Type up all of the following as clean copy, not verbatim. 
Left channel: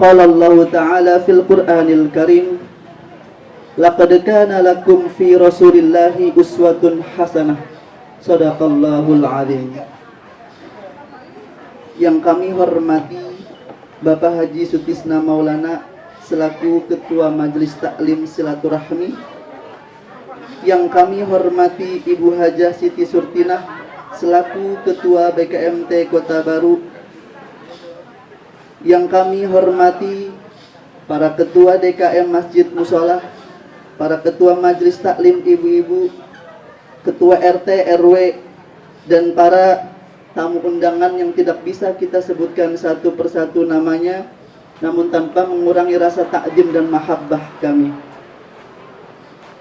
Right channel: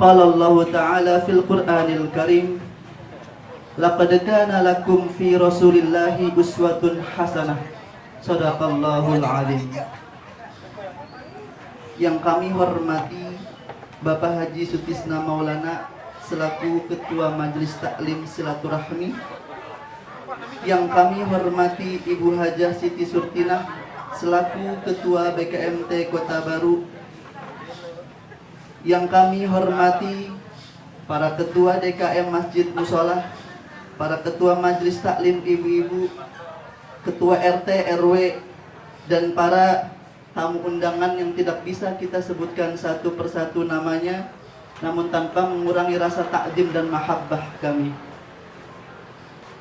Qala Allah Ta'ala fil Qur'anil Karim, laqad kana lakum fi Rasulillahi uswatun hasanah. Shadaqallahul azim. Yang kami hormati Bapak Haji Sutisna Maulana selaku Ketua Majelis Taklim Silaturahmi, yang kami hormati Ibu Hajah Siti Surtinah selaku Ketua BKMT Kota Baru, yang kami hormati para Ketua DKM Masjid Musholah, para Ketua Majelis Taklim Ibu-ibu, Ketua RT RW, dan para tamu undangan yang tidak bisa kita sebutkan satu persatu namanya, namun tanpa mengurangi rasa takjim dan mahabbah kami.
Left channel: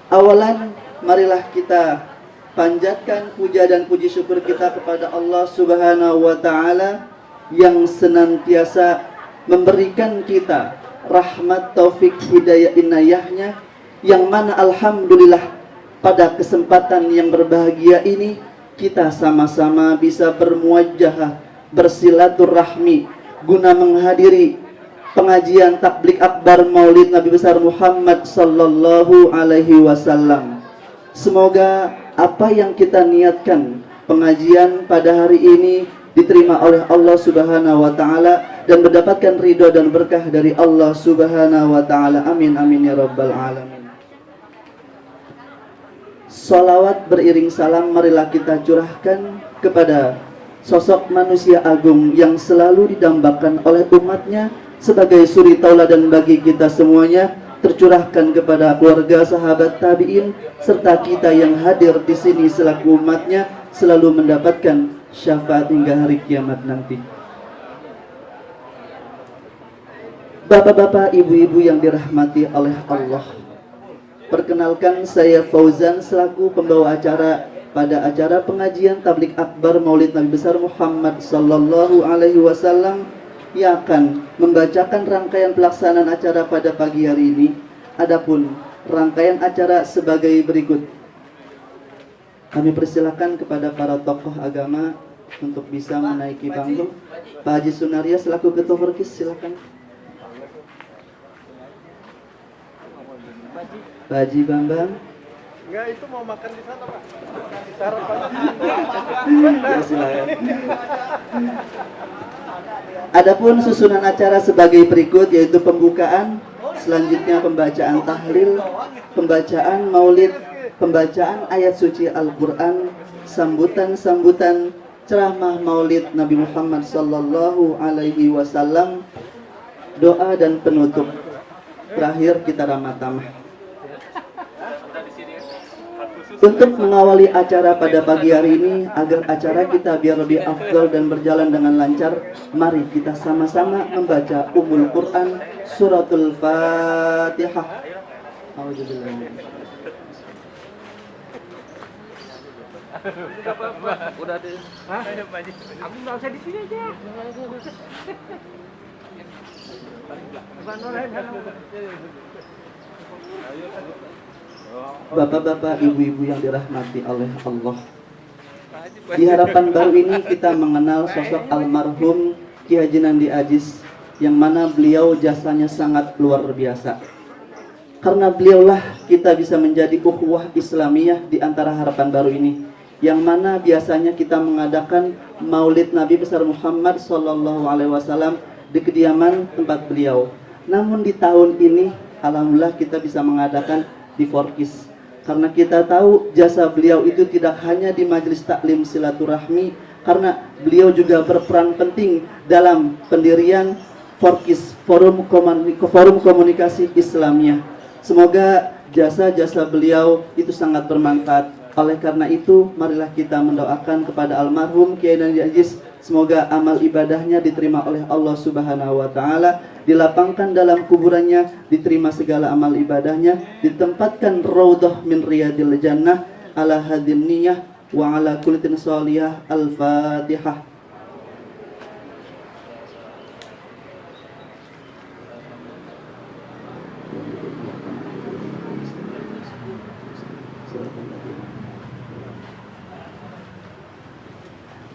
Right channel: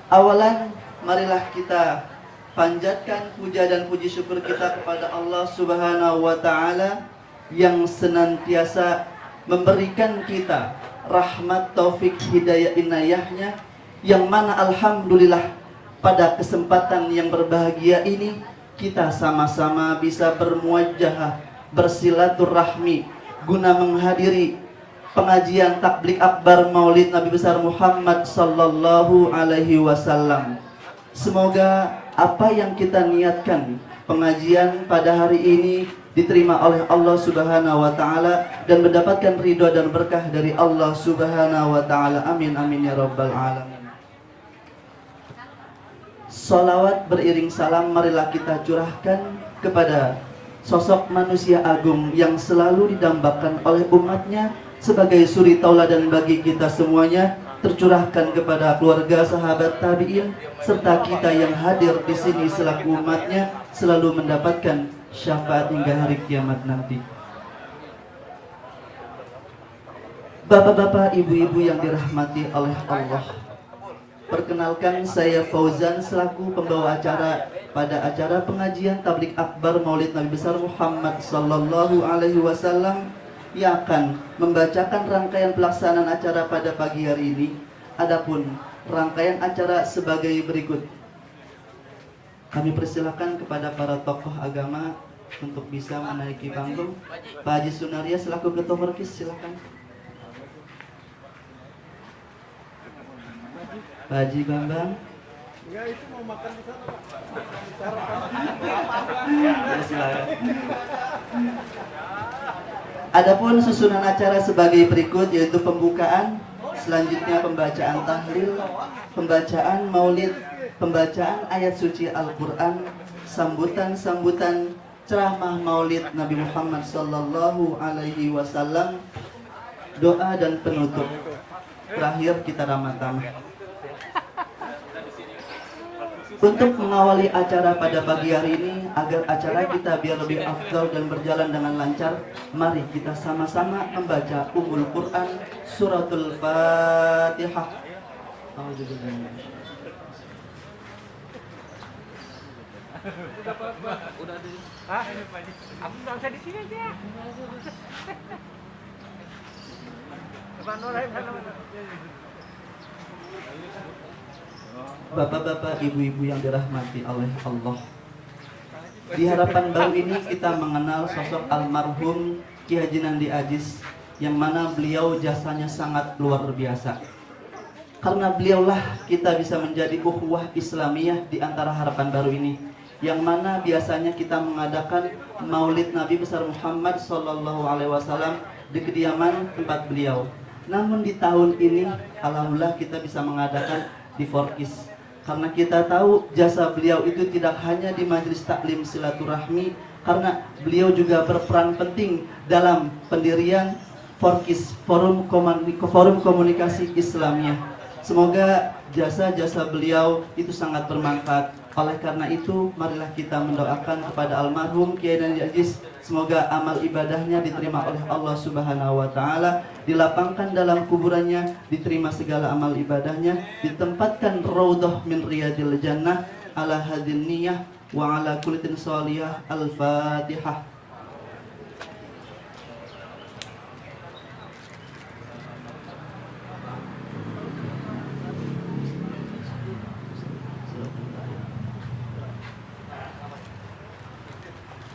Awalan, marilah kita panjatkan puja dan puji syukur kita kepada Allah Subhanahu wa Ta'ala yang senantiasa memberikan kita rahmat, taufik, hidayah, inayahnya, yang mana alhamdulillah pada kesempatan yang berbahagia ini kita sama-sama bisa bermuajahah, bersilaturahmi guna menghadiri pengajian takblik akbar Maulid Nabi besar Muhammad sallallahu alaihi wasallam. Semoga apa yang kita niatkan pengajian pada hari ini diterima oleh Allah Subhanahu wa Ta'ala dan mendapatkan ridho dan berkah dari Allah Subhanahu wa Ta'ala. Amin amin ya rabbal alamin. Salawat beriring salam marilah kita curahkan kepada sosok manusia agung yang selalu didambakan oleh umatnya sebagai suri tauladan bagi kita semuanya, tercurahkan kepada keluarga, sahabat, tabi'in, serta kita yang hadir di sini selaku umatnya, selalu mendapatkan syafaat hingga hari kiamat nanti. Bapak-bapak, ibu-ibu yang dirahmati oleh Allah, perkenalkan, saya Fauzan selaku pembawa acara pada acara pengajian tablik akbar Maulid Nabi besar Muhammad sallallahu alaihi wasallam yang akan membacakan rangkaian pelaksanaan acara pada pagi hari ini. Adapun rangkaian acara sebagai berikut. Kami persilakan kepada para tokoh agama untuk bisa menaiki panggung. Pak Haji Sunaria selaku Ketua Perkis, silakan. Pak Haji Bambang. Enggak, itu mau makan di sana, Pak. Ya, silakan. Adapun susunan acara sebagai berikut, yaitu pembukaan, selanjutnya pembacaan tahlil, pembacaan maulid, pembacaan ayat suci Al-Quran, sambutan-sambutan, ceramah maulid Nabi Muhammad sallallahu alaihi wasallam, doa dan penutup. Terakhir kita ramah tamah. Untuk mengawali acara pada pagi hari ini, agar acara kita biar lebih afdal dan berjalan dengan lancar, mari kita sama-sama membaca Ummul Quran, Suratul Fatihah. Udah deh. Hah? Aku nggak usah di sini aja. Bapak-bapak, ibu-ibu yang dirahmati oleh Allah, di harapan baru ini kita mengenal sosok almarhum Ki Haji Nandi Aziz, yang mana beliau jasanya sangat luar biasa. Karena beliaulah kita bisa menjadi ukhuwah Islamiyah di antara harapan baru ini, yang mana biasanya kita mengadakan Maulid Nabi besar Muhammad sallallahu alaihi wasallam di kediaman tempat beliau. Namun di tahun ini alhamdulillah kita bisa mengadakan di Forkis, karena kita tahu jasa beliau itu tidak hanya di majelis taklim silaturahmi, karena beliau juga berperan penting dalam pendirian Forkis, forum komunikasi Islamiyah. Semoga jasa-jasa beliau itu sangat bermanfaat. Oleh karena itu, marilah kita mendoakan kepada almarhum Kiai Nandi Aziz, semoga amal ibadahnya diterima oleh Allah Subhanahu wa Ta'ala, dilapangkan dalam kuburannya, diterima segala amal ibadahnya, ditempatkan raudhah min riyadil jannah, ala hadin niyah wa ala kulitin sholiyah. Al-Fatihah.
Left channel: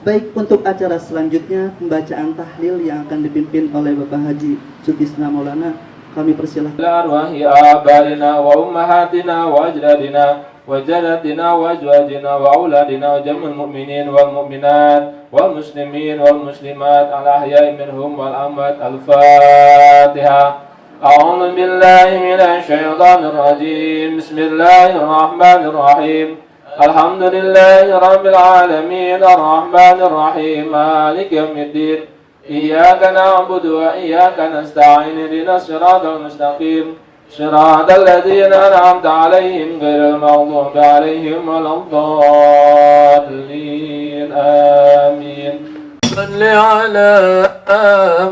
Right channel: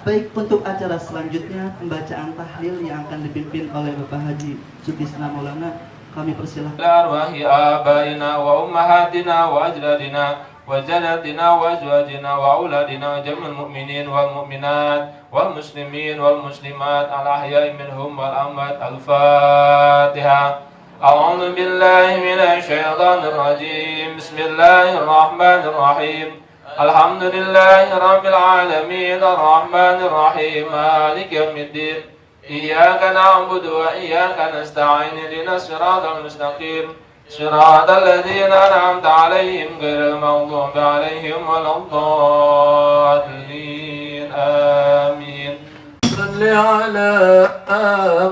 Baik, untuk acara selanjutnya pembacaan tahlil yang akan dipimpin oleh Bapak Haji Sutisna Maulana, kami persilahkan. Arwahi abaina wa ummahatina wa ajdadina wa jaddatina wa azwajina wa auladina wa jamil mu'minin wal mu'minat wal muslimin wal muslimat al ahya'i minhum wal amwat. Al-Fatihah. A'udzu billahi minasy syaithanir rajim. Bismillahirrahmanirrahim. Alhamdulillahi rabbil alamin arrahmanir rahim maliki yaumiddin iyyaka na'budu wa iyyaka nasta'in ihdinas siratal mustaqim siratal ladzina an'amta 'alaihim ghairil maghdubi 'alaihim waladdallin amin. Salli ala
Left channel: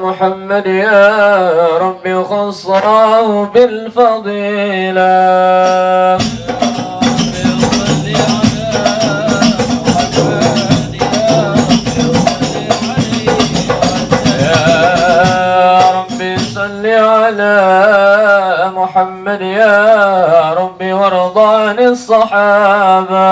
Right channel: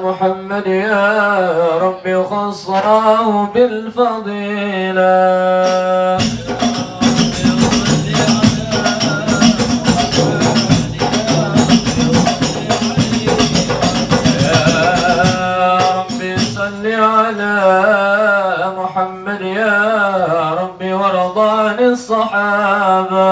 Muhammad ya rabbi khassarahu bil fadilah. محمد يا ربي وارض عن الصحابة.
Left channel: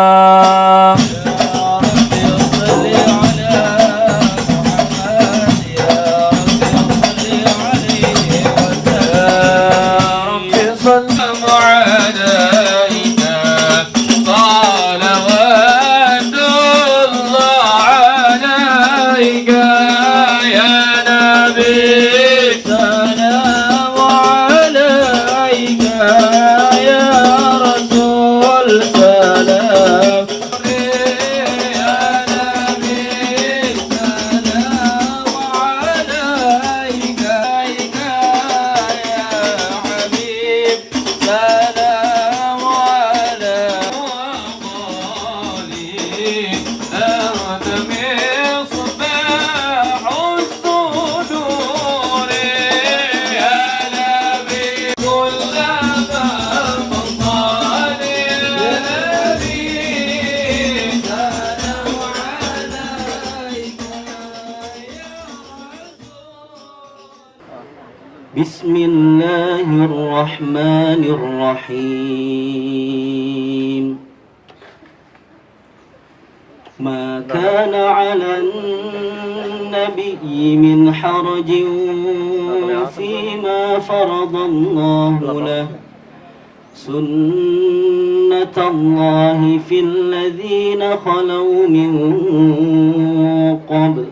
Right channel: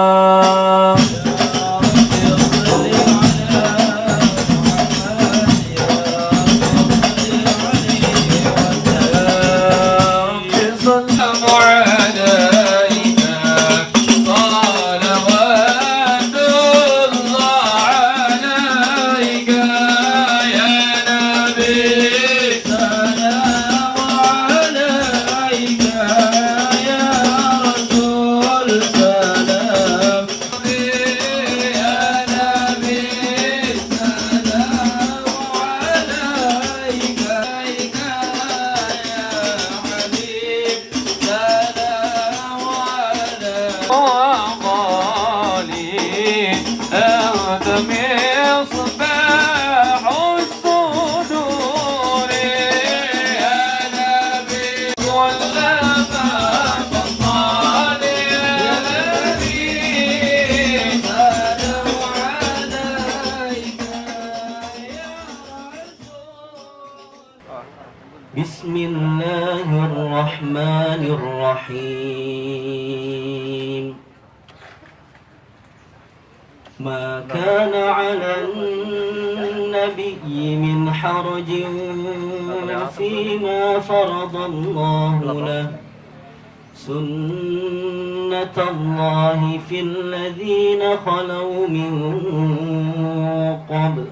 Bismillahirrahmanirrahim. Ma kana 'alan nabiyyi min harajin fima faradallahu lahu sunnatallahi fil ladzina khalaw min qabl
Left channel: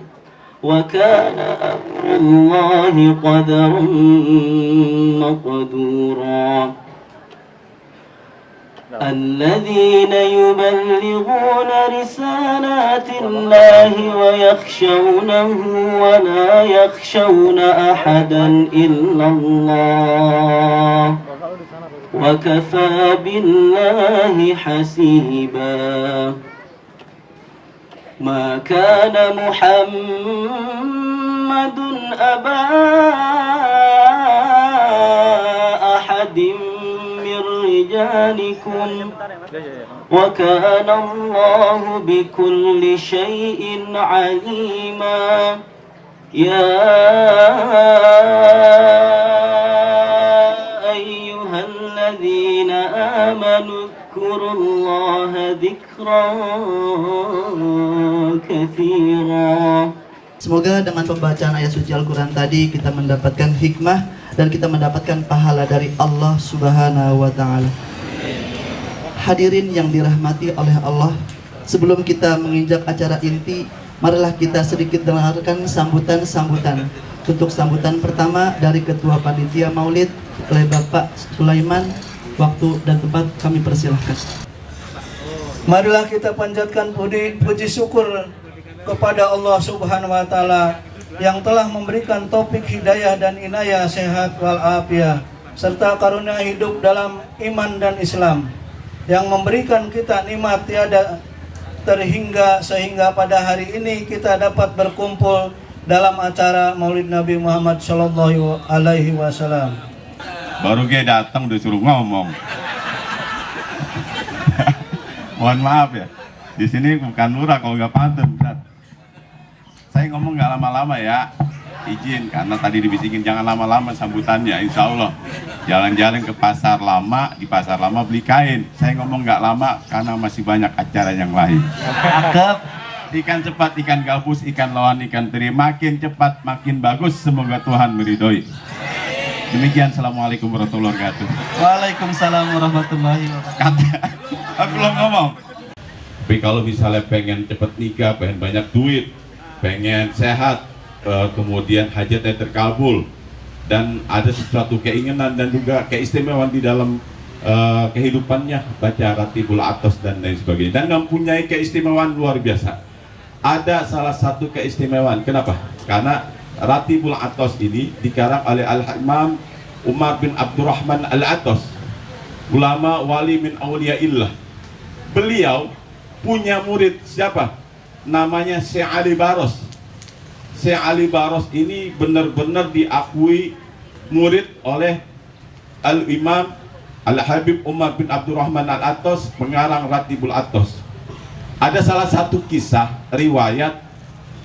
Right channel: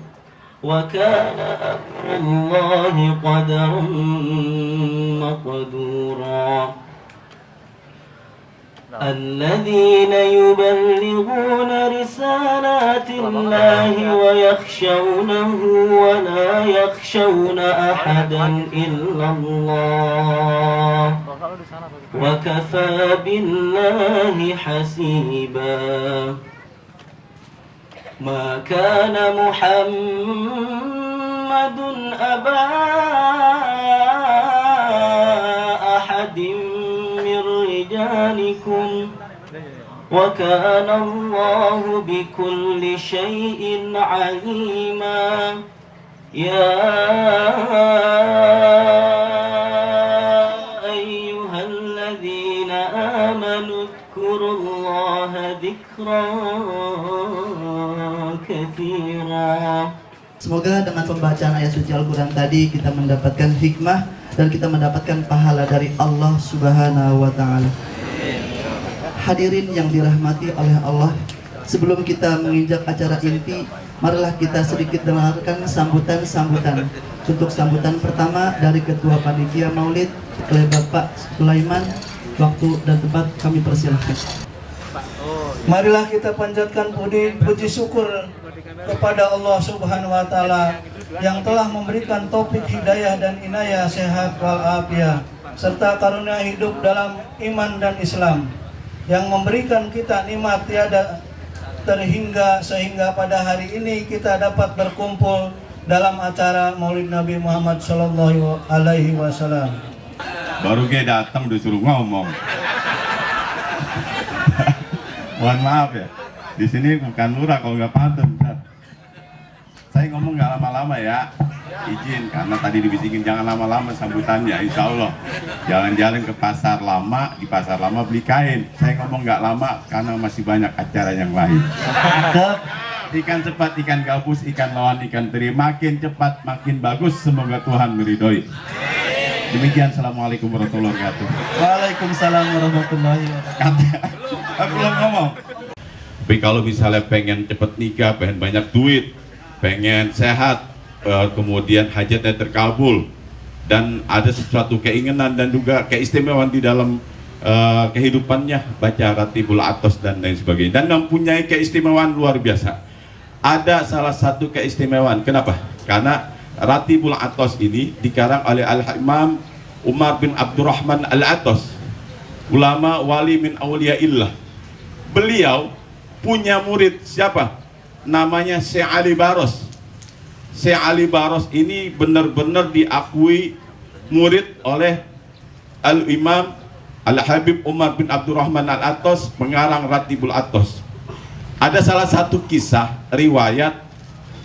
وكان أمر الله قدرا مقدورا الذين يبلغون رسالات الله ويخشونه ولا يخشون أحدا إلا الله وكفى بالله حسيبا ما كان محمد أبا أحد من رجالكم وكان الله بكل شيء عليما يا أيها الذين آمنوا اذكروا الله ذكرا كثيرا. Semoga dengan pembacaan ayat suci Al-Quran tadi kita mendapatkan hikmah dan kita mendapatkan pahala dari Allah Subhanahu wa Ta'ala. Hadirin yang dirahmati oleh Allah, sebelum kita menginjak acara inti, marilah kita sedikit dengarkan sambutan-sambutan. Untuk sambutan pertama dari Ketua Panitia Maulid oleh Bapak Sulaiman, waktu dan tempat kami persilahkan. Marilah kita panjatkan puji syukur kepada Allah Subhanahu wa Ta'ala yang telah memberikan taufik hidayah dan inayah sehat walafiat serta karunia hidup dalam iman dan Islam, yang memberikan kita nikmat tiada terhingga sehingga pada hari ini kita dapat berkumpul dalam acara Maulid Nabi Muhammad Sallallahu Alaihi Wasallam. Baru gue datang disuruh ngomong. Mohon maaf ya, di sini bukan lurah kalau nggak pantun. Saya ngomong nggak lama-lama ya, izin karena tadi dibisikin jangan lama-lama sambutannya. Insya Allah jalan-jalan ke pasar lama, di pasar lama beli kain. Saya ngomong nggak lama karena masih banyak acara yang lain. ikan cepat, ikan gabus, ikan lawan, ikan teri. Makin cepat, makin bagus. Semoga Tuhan meridhoi. Demikian, assalamualaikum warahmatullahi wabarakatuh. Waalaikumsalam warahmatullahi wabarakatuh. Aku belum ngomong. Tapi kalau misalnya pengen cepet nikah, pengen banyak duit, pengen sehat, kemudian hajatnya terkabul, dan ada sesuatu keinginan dan juga keistimewaan di dalam kehidupannya, baca Ratibul Atos dan lain sebagainya, dan mempunyai keistimewaan luar biasa. Ada salah satu keistimewaan, kenapa? Karena Ratibul Atos ini dikarang oleh Al-Imam Umar bin Abdurrahman Al-Atos, ulama wali min awliyaillah. Beliau punya murid siapa? Namanya Syekh Ali Baros. Syekh Ali Baros ini benar-benar diakui murid oleh Al-Imam Al-Habib Umar bin Abdurrahman Al-Atos, pengarang Ratibul Atos. Ada salah satu kisah riwayat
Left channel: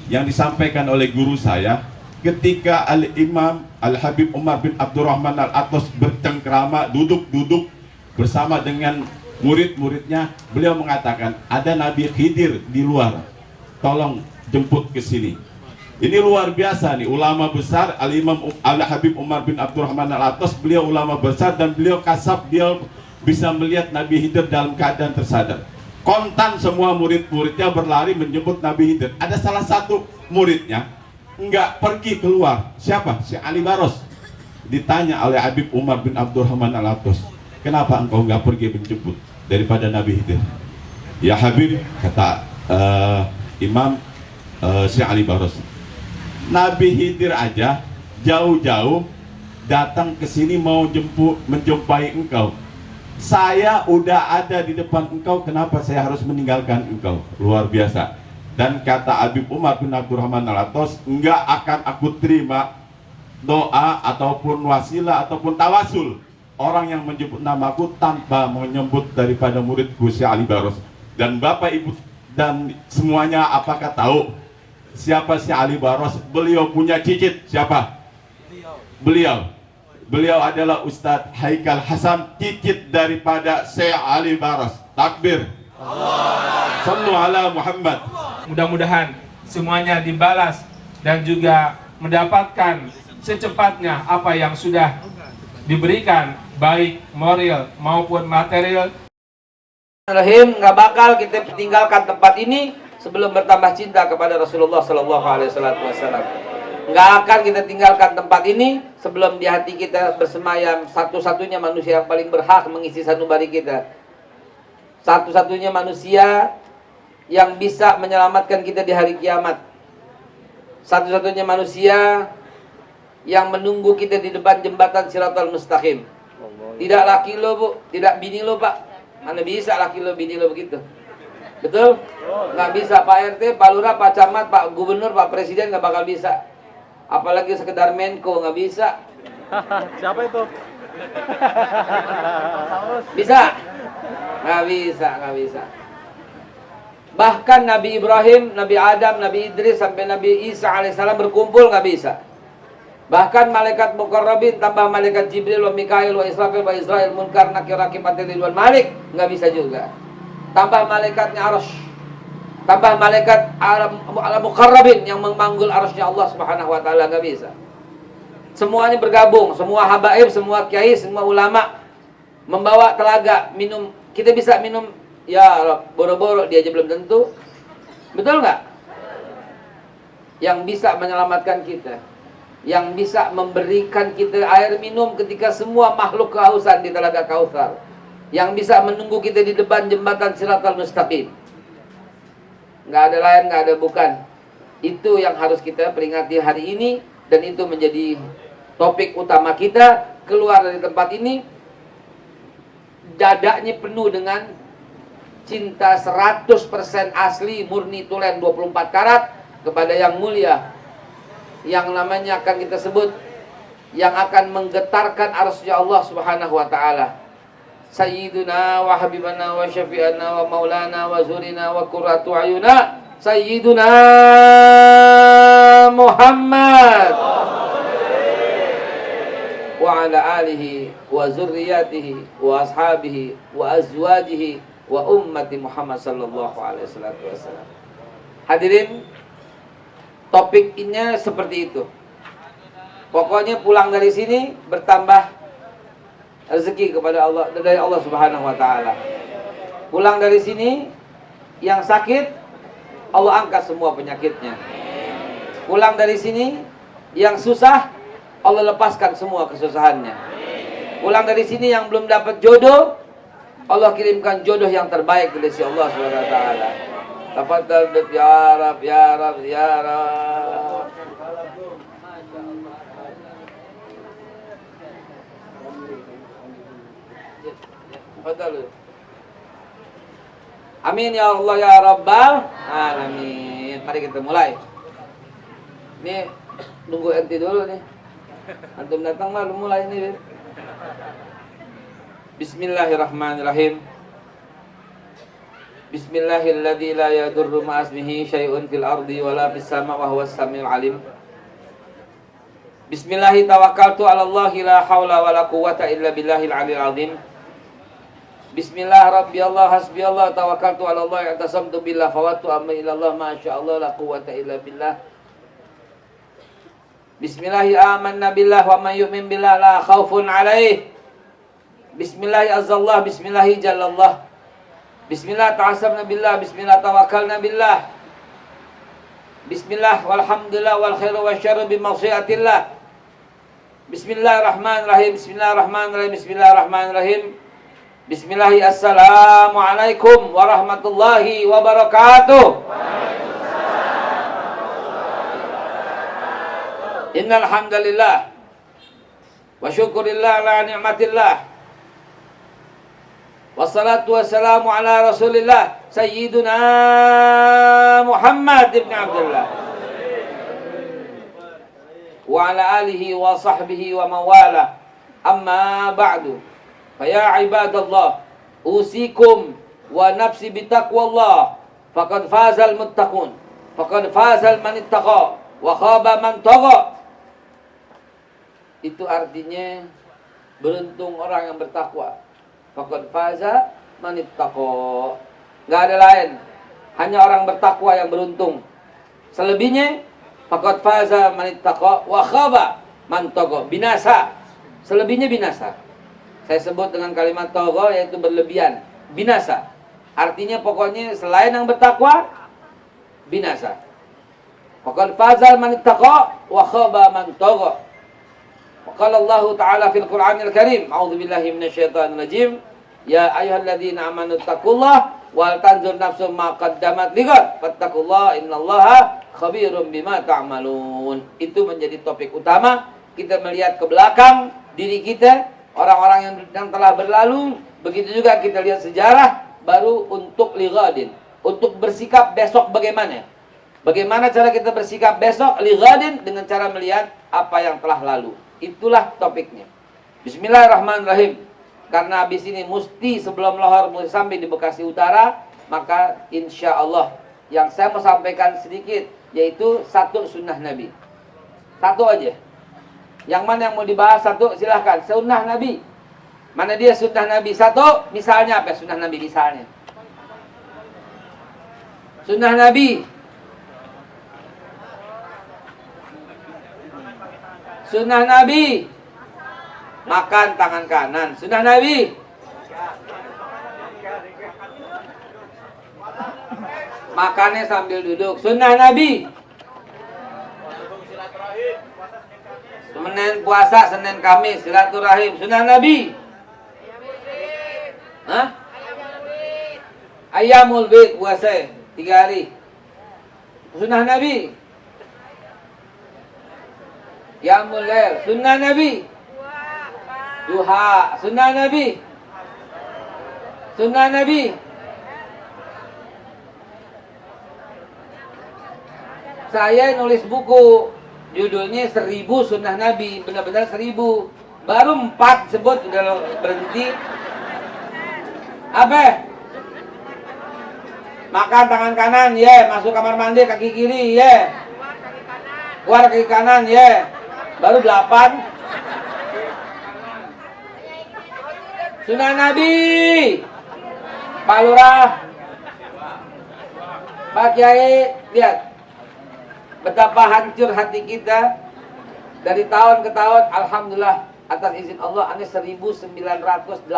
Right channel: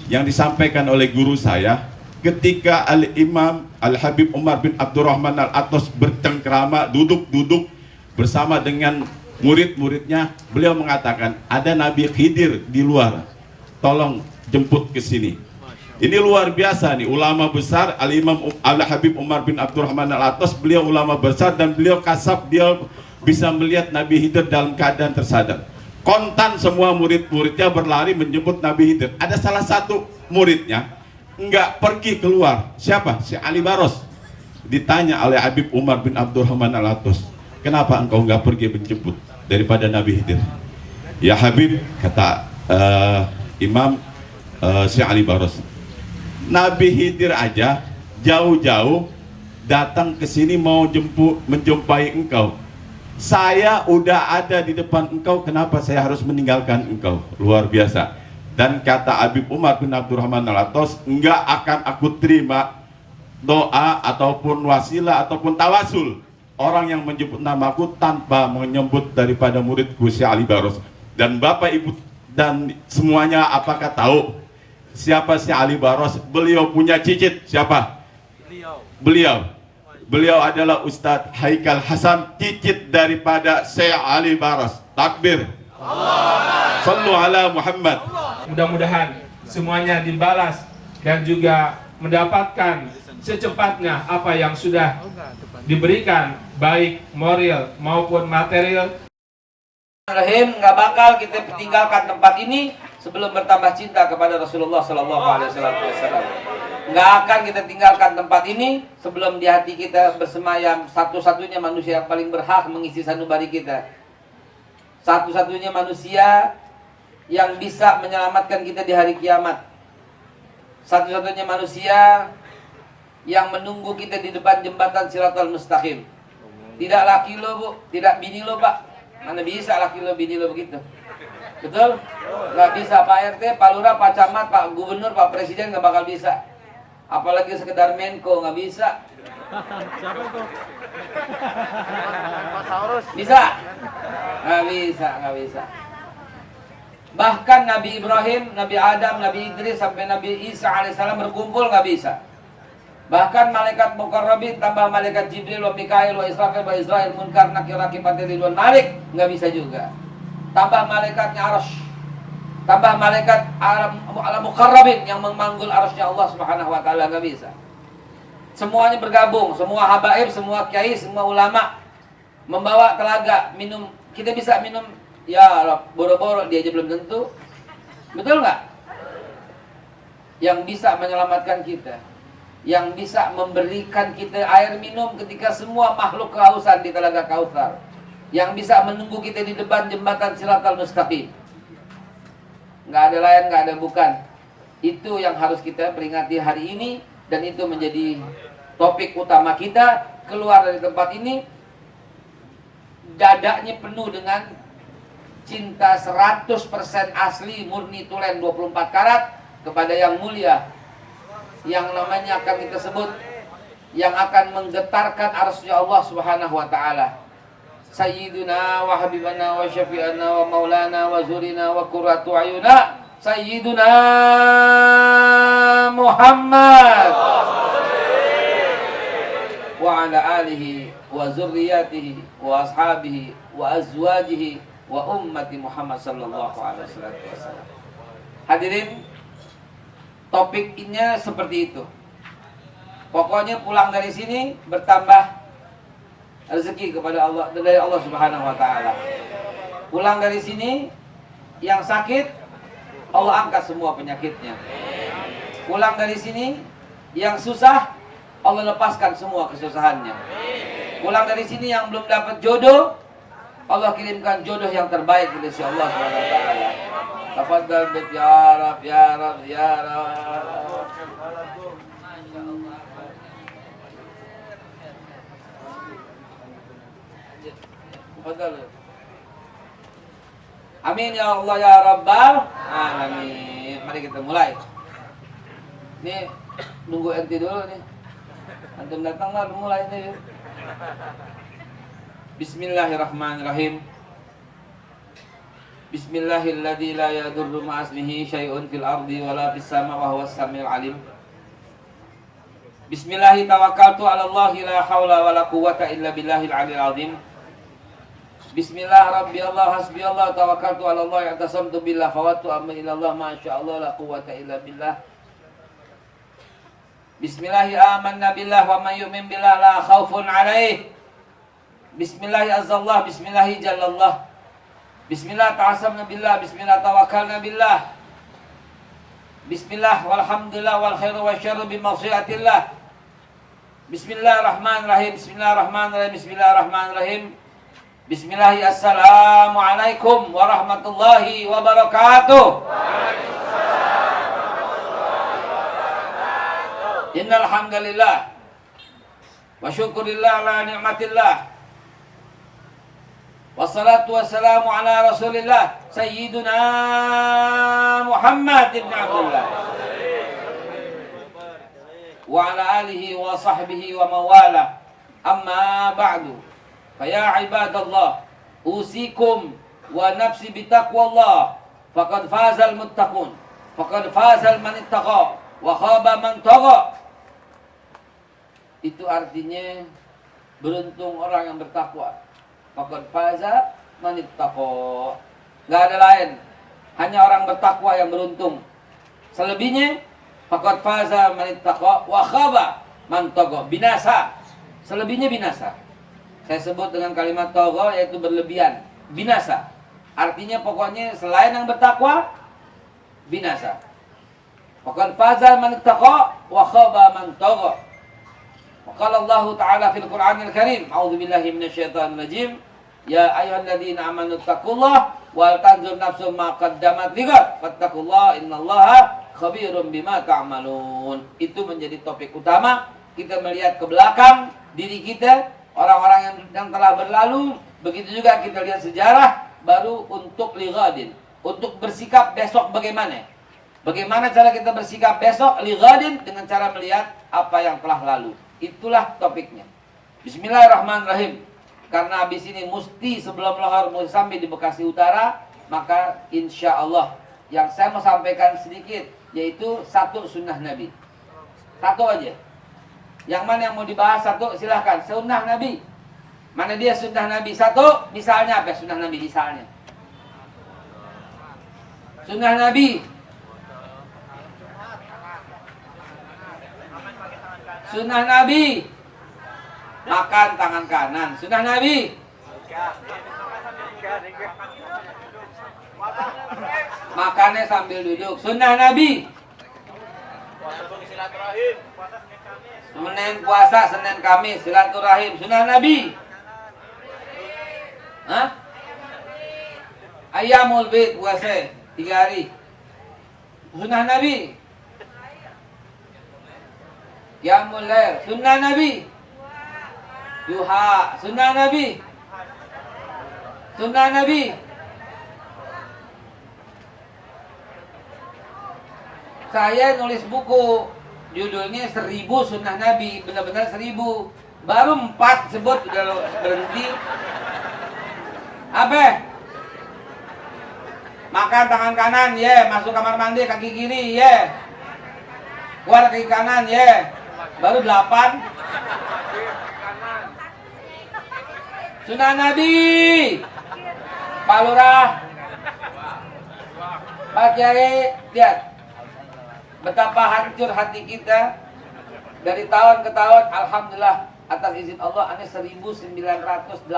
yang disampaikan oleh guru saya ketika Al-Imam Al-Habib Umar bin Abdurrahman Al-Atos bercengkrama, duduk-duduk bersama dengan murid-muridnya. Beliau mengatakan, ada Nabi Khidir di luar, tolong jemput ke sini. Ini luar biasa nih, ulama besar Al-Imam Al-Habib Umar bin Abdurrahman Al-Atos. Beliau ulama besar dan beliau kasab, dia bisa melihat Nabi Khidir dalam keadaan tersadar. Kontan semua murid-muridnya berlari menjemput Nabi Khidir. Ada salah satu muridnya enggak pergi keluar. Siapa? Si Ali Baros. Ditanya oleh Habib Umar bin Abdurrahman Al-Atos, kenapa engkau enggak pergi menjemput daripada Nabi Khidir? Ya Habib, kata Imam si Ali Baros, Nabi Khidir aja jauh-jauh datang ke sini mau menjumpai engkau. Saya udah ada di depan engkau, kenapa saya harus meninggalkan engkau? Luar biasa. Dan kata Habib Umar bin Abdurrahman Al-Atos, enggak akan aku terima doa ataupun wasilah ataupun tawasul orang yang menyebut namaku tanpa menyebut daripada muridku si Ali Baros. Dan Bapak Ibu dan semuanya apakah tahu siapa si Ali Baros? Beliau punya cicit. Siapa? Beliau adalah Ustadz Haikal Hasan, cicit daripada Syekh Ali Baros. Takbir. Sallu ala Muhammad. Mudah-mudahan semuanya dibalas dan juga mendapatkan secepatnya apa yang sudah diberikan, baik moral maupun material. Rahim, nggak bakal kita tinggalkan tempat ini sebelum bertambah cinta kepada Rasulullah Sallallahu Alaihi Wasallam. Nggak akan kita tinggalkan tempat ini sebelum di hati kita bersemayam satu-satunya manusia yang paling berhak mengisi sanubari kita, satu-satunya manusia yang bisa menyelamatkan kita di hari kiamat, satu-satunya manusia yang menunggu kita di depan jembatan Siratal Mustaqim. Tidak laki lo bu, tidak bini lo pak. Mana bisa laki lo bini lo begitu? Betul? Nggak bisa. Pak RT, Pak Lurah, Pak Camat, Pak Gubernur, Pak Presiden nggak bakal bisa. Apalagi sekedar Menko nggak bisa. Siapa itu? Bisa? Nggak bisa, nggak bisa. Bahkan Nabi Ibrahim, Nabi Adam, Nabi Idris sampai Nabi Isa alaihissalam berkumpul nggak bisa. Bahkan malaikat mukarrabin tambah malaikat Jibril wa Mikail wa Israfil wa Israel Munkar Nakir Rakib Ridwan Malik nggak bisa juga. Tambah malaikatnya Arsy, tambah malaikat alam mukarrabin yang memanggul arsy-Nya Allah Subhanahu wa taala, nggak bisa. Semua ini bergabung, semua habaib, semua kiai, semua ulama membawa telaga minum. Kita bisa minum ya boro-boro, dia aja belum tentu. Betul nggak? Yang bisa menyelamatkan kita, yang bisa memberikan kita air minum ketika semua makhluk kehausan di telaga Kautsar, yang bisa menunggu kita di depan jembatan Siratal Mustaqim. Nggak ada lain, nggak ada bukan. Itu yang harus kita peringati hari ini, dan itu menjadi topik utama kita. Keluar dari tempat ini dadanya penuh dengan cinta 100% asli, murni, tulen 24 karat kepada yang mulia, yang namanya akan kita sebut, yang akan menggetarkan arsy Allah Subhanahu wa taala. Sayyiduna wa habibana wa syafi'ana wa maulana wa zurina wa qurratu ayuna Sayyiduna Muhammad wa ala alihi wa zurriyatihi wa ashabihi wa azwajihi wa ummati Muhammad sallallahu alaihi wasallam. Hadirin, topiknya seperti itu. Pokoknya pulang dari sini bertambah rezeki kepada Allah, dari Allah Subhanahu wa taala. Pulang dari sini yang sakit Allah angkat semua penyakitnya. Pulang dari sini yang susah Allah lepaskan semua kesusahannya. Pulang dari sini yang belum dapat jodoh Allah kirimkan jodoh yang terbaik dari si Allah Subhanahu wa taala. Tafadhal ya Rab ya Rab ya Rab. Amin ya Allah ya Rabbal alamin. Mari kita mulai. Ini nunggu enti dulu nih. Antum datang lah mulai nih. Bismillahirrahmanirrahim. Bismillahilladzi la yadurru ma'asmihi syai'un fil ardi wala fis sama' wa huwas samiul alim. Bismillahi tawakkaltu 'ala Allahi la haula wala quwwata illa billahil 'aliyyil 'azim. Bismillah rabbi Allah hasbi Allah tawakkaltu 'ala Allah i'tasamtu billah fawattu amma ila Allah ma syaa Allah la quwwata illa billah. Bismillahi amanna billah wa man yu'min billah la khaufun 'alaih. Bismillahi azzallah bismillahi jallallah. Bismillah ta'asamna billah bismillah tawakkalna billah. Bismillah walhamdulillah wal khairu wasyarru bi masyiatillah. Bismillahirrahmanirrahim. Bismillahirrahmanirrahim. Bismillahirrahmanirrahim. Bismillahi assalamualaikum warahmatullahi wabarakatuh. Innal hamdalillah wa syukurillah ala ni'matillah. Wassalatu wassalamu ala Rasulillah Sayyiduna Muhammad ibn Abdullah wa ala alihi wa sahbihi wa mawala. Amma ba'du. Faya ibadallah, usikum wa nafsi bitaqwallah. Faqad fazal muttaqun, faqad fazal man ittaqa, wa khaba man tagha. Itu artinya beruntung orang yang bertakwa. Faqad faza man ittaqa. Enggak ada lain, hanya orang bertakwa yang beruntung. Selebihnya faqad faza man ittaqa wa khaba man tagha. Binasa. Selebihnya binasa. Saya sebut dengan kalimat tagha yaitu berlebihan, binasa. Artinya pokoknya selain yang bertakwa binasa. Faqad faza man ittaqa wa khaba man tagha. Qala Allah Ta'ala fil Qur'anil Karim, a'udzu billahi minasyaitonir rajim. Ya ayyuhalladzina amanu taqullaha wal tanzur nafsum ma qaddamat lighad fattaqullaha innallaha khabirum bima ta'malun. Itu menjadi topik utama. Kita melihat ke belakang diri kita, orang-orang yang telah berlalu. Begitu juga kita lihat sejarah baru untuk lighadin, untuk bersikap besok bagaimana. Bagaimana cara kita bersikap besok lighadin dengan cara melihat apa yang telah lalu. Itulah topiknya. Bismillahirrahmanirrahim. Karena habis ini mesti sebelum lohor sampai di Bekasi Utara, maka insya Allah yang saya mau sampaikan sedikit yaitu satu sunnah Nabi. Satu aja. Yang mana yang mau dibahas satu silahkan. Sunnah Nabi. Mana dia sunnah Nabi? Satu, misalnya apa sunnah Nabi misalnya? Sunnah Nabi. Sunnah Nabi, makan tangan kanan. Sunnah Nabi, makannya sambil duduk. Sunnah Nabi, Senin puasa, Senin Kamis, silaturahim. Sunnah Nabi, hah? Ayyamul Bid, puasa 3 hari. Sunnah Nabi, Qiyamul Lail. Sunnah Nabi, duha. Sunnah Nabi, sunnah Nabi. Saya nulis buku judulnya 1000 sunnah Nabi, benar-benar 1000. Baru 4 sebut udah berhenti. Apa? Makan tangan kanan, ya. Masuk kamar mandi kaki kiri, ya. Keluar kaki kanan, ya. Baru 8. Sunnah Nabi, Pak Lurah, Pak Kiai, Lihat betapa hancur hati kita. Dari tahun ke tahun, alhamdulillah atas izin Allah, ini 1984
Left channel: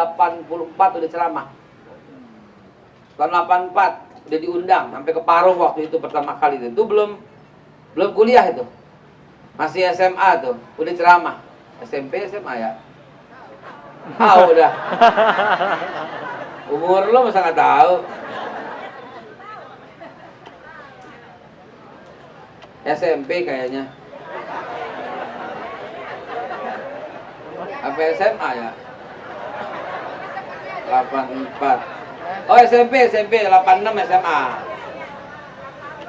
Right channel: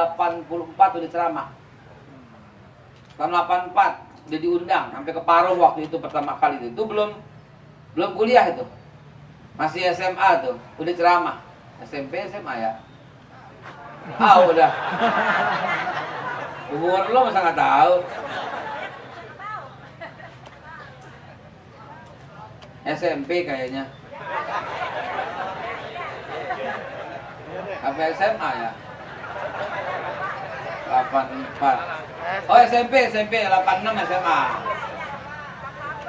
udah ceramah. Tahun 84 udah diundang sampai ke Parung waktu itu pertama kali itu belum kuliah itu. Masih SMA tuh, udah ceramah. SMP, SMA ya. Udah. Umur lo masa nggak tahu. SMP kayaknya. Apa SMA ya? 84. Oh SMP 86 SMA.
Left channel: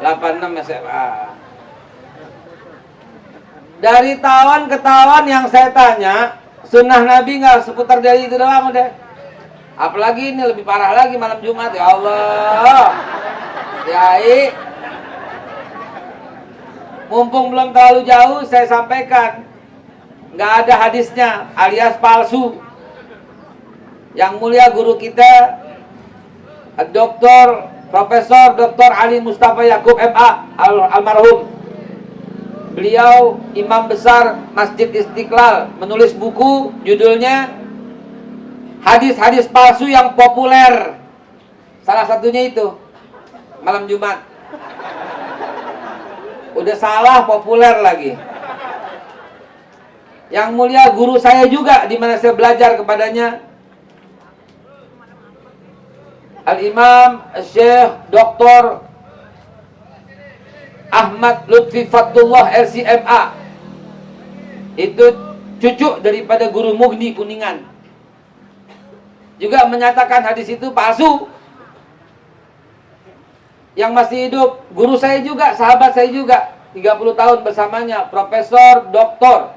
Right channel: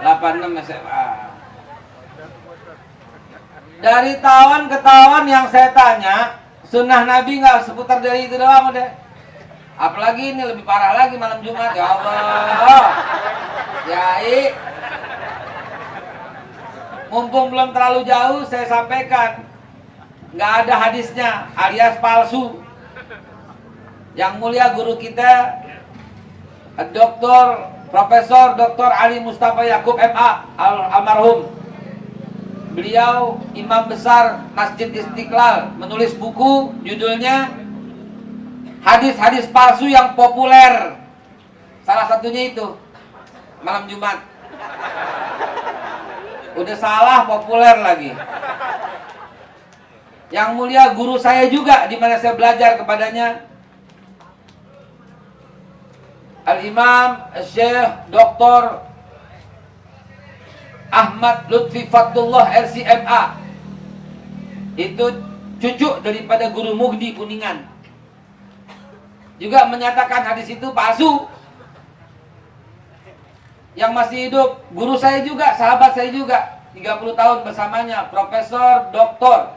86 SMA. Dari tahun ke tahun yang saya tanya, sunnah Nabi nggak seputar dari itu doang udah. Apalagi ini lebih parah lagi malam Jumat, ya Allah. Yai. Mumpung belum terlalu jauh, saya sampaikan. Nggak ada hadisnya, alias palsu. Yang mulia guru kita, Profesor Dr. Ali Mustafa Yakub MA almarhum. Beliau imam besar Masjid Istiqlal, menulis buku judulnya Hadis-hadis palsu yang populer. Salah satunya itu malam Jumat. Udah salah, populer lagi. Yang mulia guru saya juga, di mana saya belajar kepadanya, Al-Imam Syekh Dr. Ahmad Lutfi Fatullah LCMA. Itu cucu daripada guru Mughni Kuningan. Juga menyatakan hadis itu palsu. Yang masih hidup, guru saya juga, sahabat saya juga, 30 tahun bersamanya, Profesor Dr.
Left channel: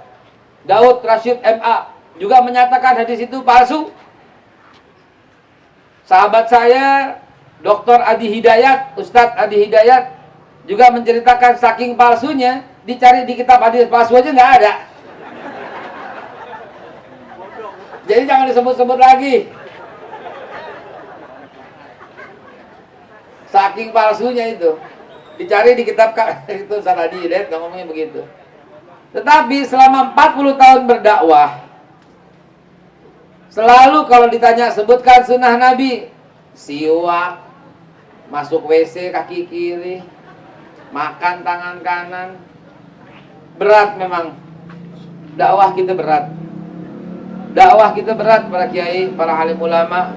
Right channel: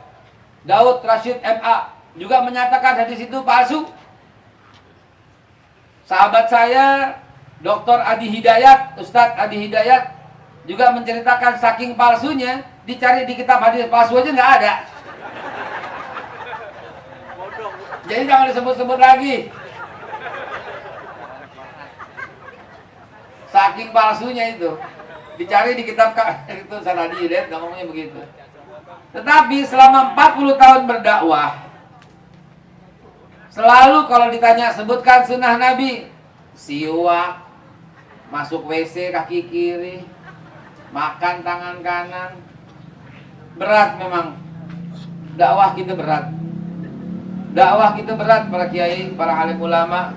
Daud Rashid MA, juga menyatakan hadis itu palsu. Sahabat saya, Dr. Adi Hidayat, Ustadz Adi Hidayat, juga menceritakan saking palsunya, dicari di kitab hadis palsu aja nggak ada. Jadi jangan disebut-sebut lagi. Saking palsunya itu, dicari di kitab itu Adi Hidayat, nggak ngomongnya begitu. Tetapi selama 40 tahun berdakwah, selalu kalau ditanya sebutkan sunnah Nabi, siwak, masuk WC kaki kiri, makan tangan kanan. Berat memang. Dakwah kita berat. Dakwah kita berat, para kiai, para alim ulama,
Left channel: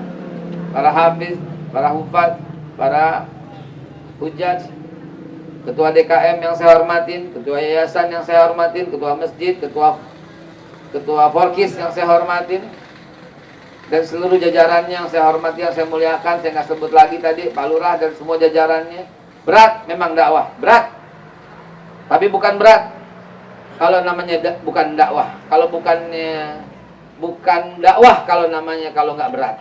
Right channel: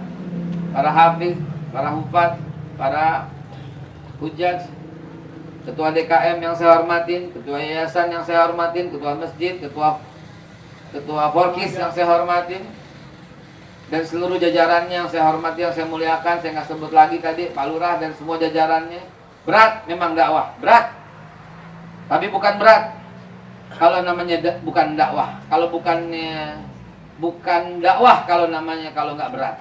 para hafiz, para hufaz, para hujjaj, ketua DKM yang saya hormatin, ketua yayasan yang saya hormatin, ketua masjid, ketua Forkis yang saya hormatin, dan seluruh jajarannya yang saya hormati, yang saya muliakan. Saya nggak sebut lagi tadi, Pak Lurah dan semua jajarannya. Berat memang dakwah, berat. Tapi bukan berat kalau namanya bukan dakwah. Kalau bukan dakwah kalau namanya, kalau nggak berat.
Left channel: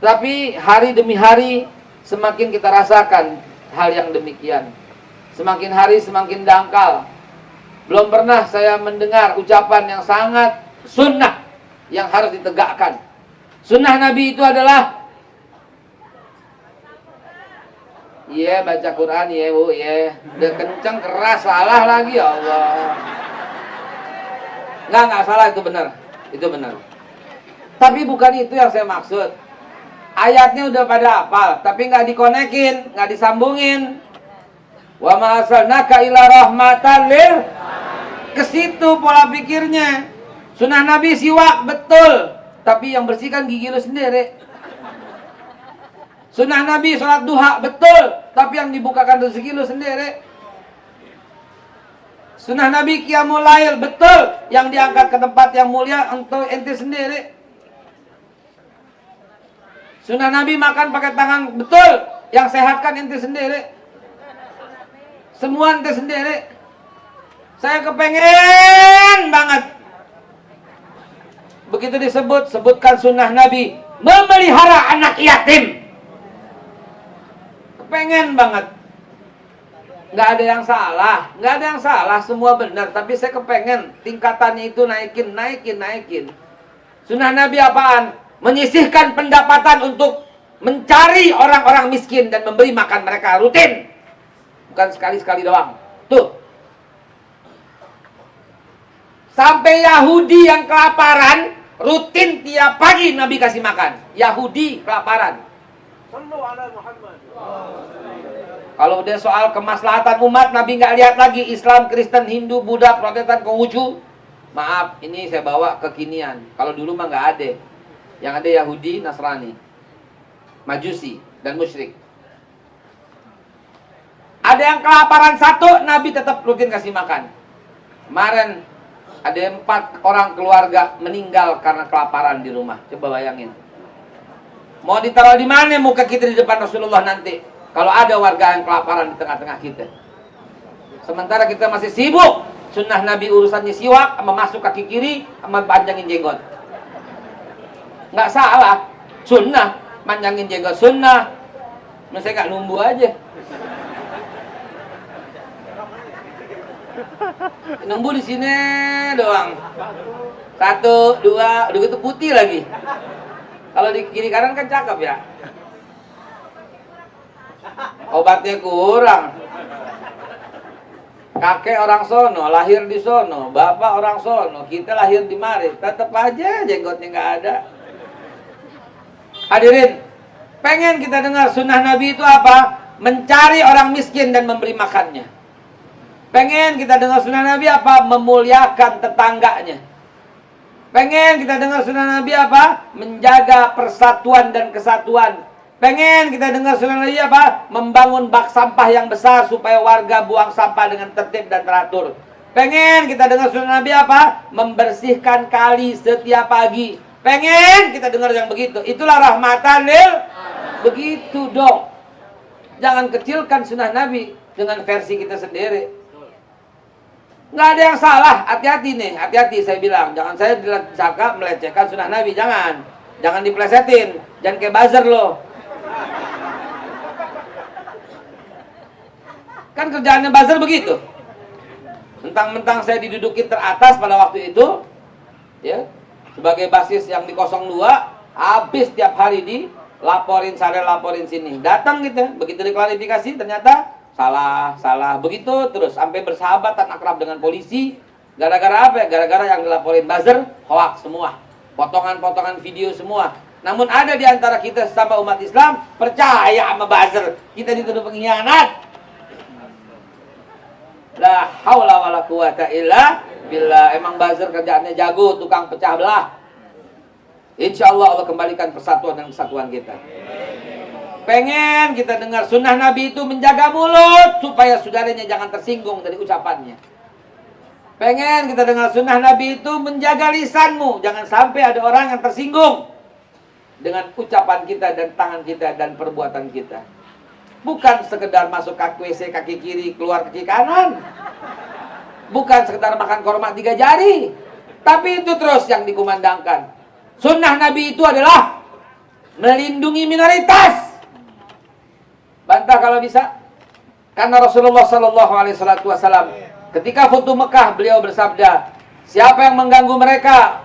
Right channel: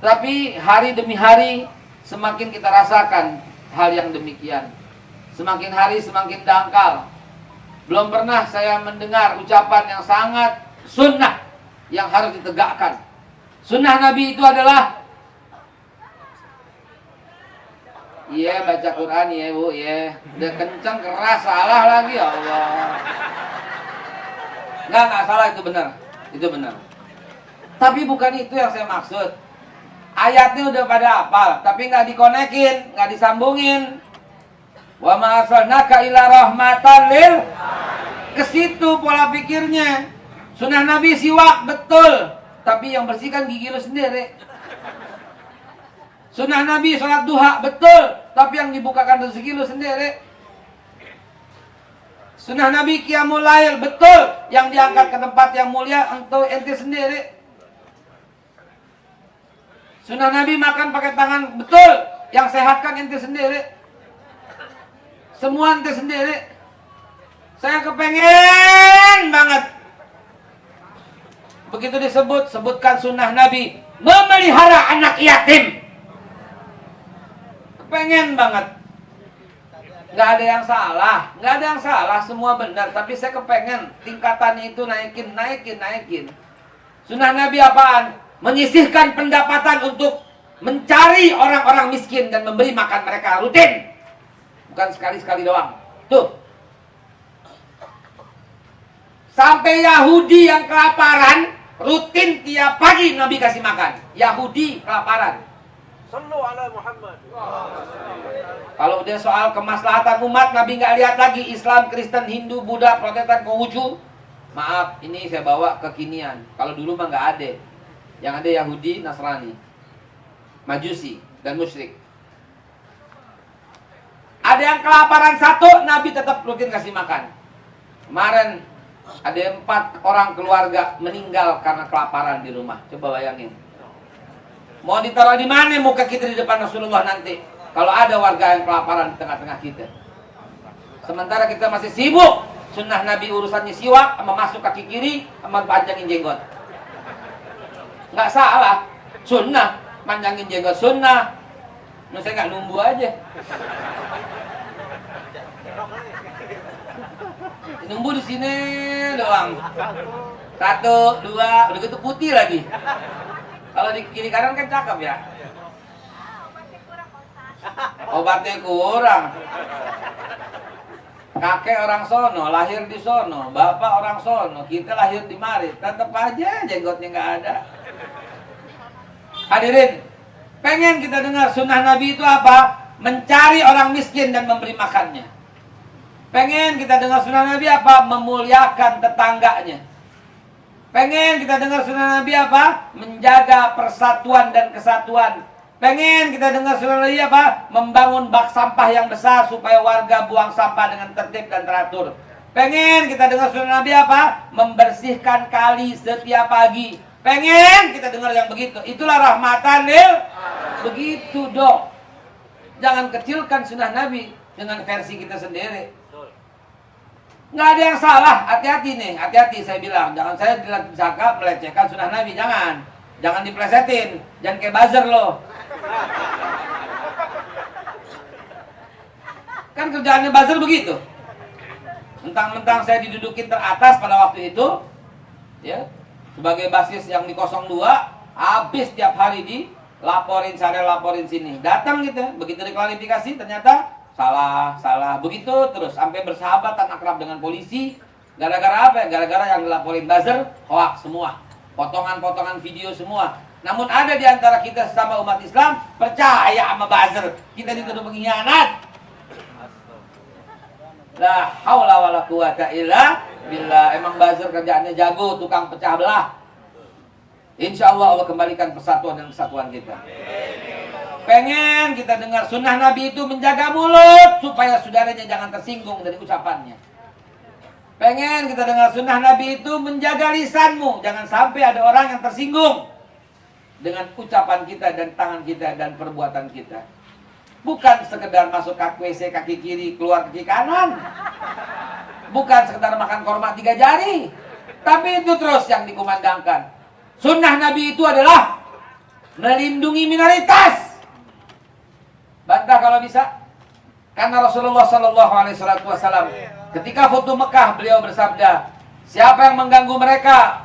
Tapi hari demi hari semakin kita rasakan hal yang demikian. Semakin hari semakin dangkal. Belum pernah saya mendengar ucapan yang sangat sunnah yang harus ditegakkan. Sunnah Nabi itu adalah baca Quran, Bu, udah kenceng, keras, salah lagi, ya Allah. Enggak salah, itu benar. Itu benar. Tapi bukan itu yang saya maksud. Ayatnya udah pada hafal, tapi nggak dikonekin, nggak disambungin. Wa ma arsalnaka illa rahmatan lil. Ke situ pola pikirnya. Sunnah Nabi siwak, betul. Tapi yang bersihkan gigi lu sendiri. Sunnah Nabi sholat duha, betul. Tapi yang dibukakan rezeki lu sendiri. Sunnah Nabi qiyamul lail, betul. Yang diangkat ke tempat yang mulia untuk ente sendiri. Sunnah Nabi makan pakai tangan, betul. Yang sehatkan ente sendiri. Semua ente sendiri. Saya kepengen banget. Begitu sebutkan sunnah Nabi, memelihara anak yatim. Kepengen banget. Nggak ada yang salah. Nggak ada yang salah, semua benar. Tapi saya kepengen tingkatannya itu naikin. Sunnah Nabi apaan? Menyisihkan pendapatan untuk mencari orang-orang miskin dan memberi makan mereka rutin. Bukan sekali-sekali doang. Tuh. Sampai Yahudi yang kelaparan, rutin tiap pagi Nabi kasih makan. Yahudi kelaparan. Kalau udah soal kemaslahatan umat, Nabi nggak lihat lagi Islam, Kristen, Hindu, Buddha, Protestan, Konghucu. Maaf, ini saya bawa kekinian. Kalau dulu mah nggak ada. Yang ada Yahudi, Nasrani, Majusi, dan musyrik. Ada yang kelaparan satu, Nabi tetap rutin kasih makan. Kemarin ada 4 orang keluarga meninggal karena kelaparan di rumah. Coba bayangin. Mau ditaruh di mana muka kita di depan Rasulullah nanti? Kalau ada warga yang kelaparan di tengah-tengah kita. Sementara kita masih sibuk. Sunnah Nabi urusannya siwak, sama masuk kaki kiri, sama panjangin jenggot. Nggak salah. Sunnah. Panjangin jenggot sunnah. Nah, saya nggak numbu aja. Numbu di sini doang. 1, 2, udah gitu putih lagi. Kalau di kiri kanan kan cakep ya. Obatnya kurang. Kakek orang sono, lahir di sono. Bapak orang sono, kita lahir di mari. Tetap aja jenggotnya nggak ada. Hadirin, pengen kita dengar sunnah Nabi itu apa? Mencari orang miskin dan memberi makannya. Pengen kita dengar sunnah Nabi apa? Memuliakan tetangganya. Pengen kita dengar sunnah Nabi apa? Menjaga persatuan dan kesatuan. Pengen kita dengar sunnah Nabi apa? Membangun bak sampah yang besar supaya warga buang sampah dengan tertib dan teratur. Pengen kita dengar sunnah Nabi apa? Membersihkan kali setiap pagi. Pengen kita dengar yang begitu. Itulah rahmatan lil. Begitu dong. Jangan kecilkan sunnah Nabi dengan versi kita sendiri. Nggak ada yang salah. Hati-hati nih. Hati-hati saya bilang. Jangan saya disangka melecehkan sunnah Nabi. Jangan. Jangan diplesetin. Jangan kayak buzzer loh. Kan kerjaannya buzzer begitu. Mentang-mentang saya didudukin teratas pada waktu itu. Ya. Sebagai basis yang di 02, habis tiap hari dilaporin sana, laporin sini. Datang gitu, begitu diklarifikasi ternyata salah. Begitu terus, sampai bersahabat dan akrab dengan polisi. Gara-gara apa ya? Gara-gara yang dilaporin buzzer, hoax semua. Potongan-potongan video semua. Namun ada di antara kita sesama umat Islam, percaya sama buzzer. Kita dituduh pengkhianat. La haula wala quwata illa billah. Emang buzzer kerjaannya jago, tukang pecah belah. Insya Allah Allah kembalikan persatuan dan kesatuan kita. Pengen kita dengar sunnah Nabi itu menjaga mulut supaya saudaranya jangan tersinggung dari ucapannya. Pengen kita dengar sunnah Nabi itu menjaga lisanmu, jangan sampai ada orang yang tersinggung dengan ucapan kita dan tangan kita dan perbuatan kita. Bukan sekedar masuk kaki WC kaki kiri, keluar kaki kanan. Bukan sekedar makan korma 3 jari. Tapi itu terus yang dikumandangkan. Sunnah Nabi itu adalah melindungi minoritas. Bantah kalau bisa. Karena Rasulullah SAW ketika Futuh Mekah beliau bersabda, siapa yang mengganggu mereka,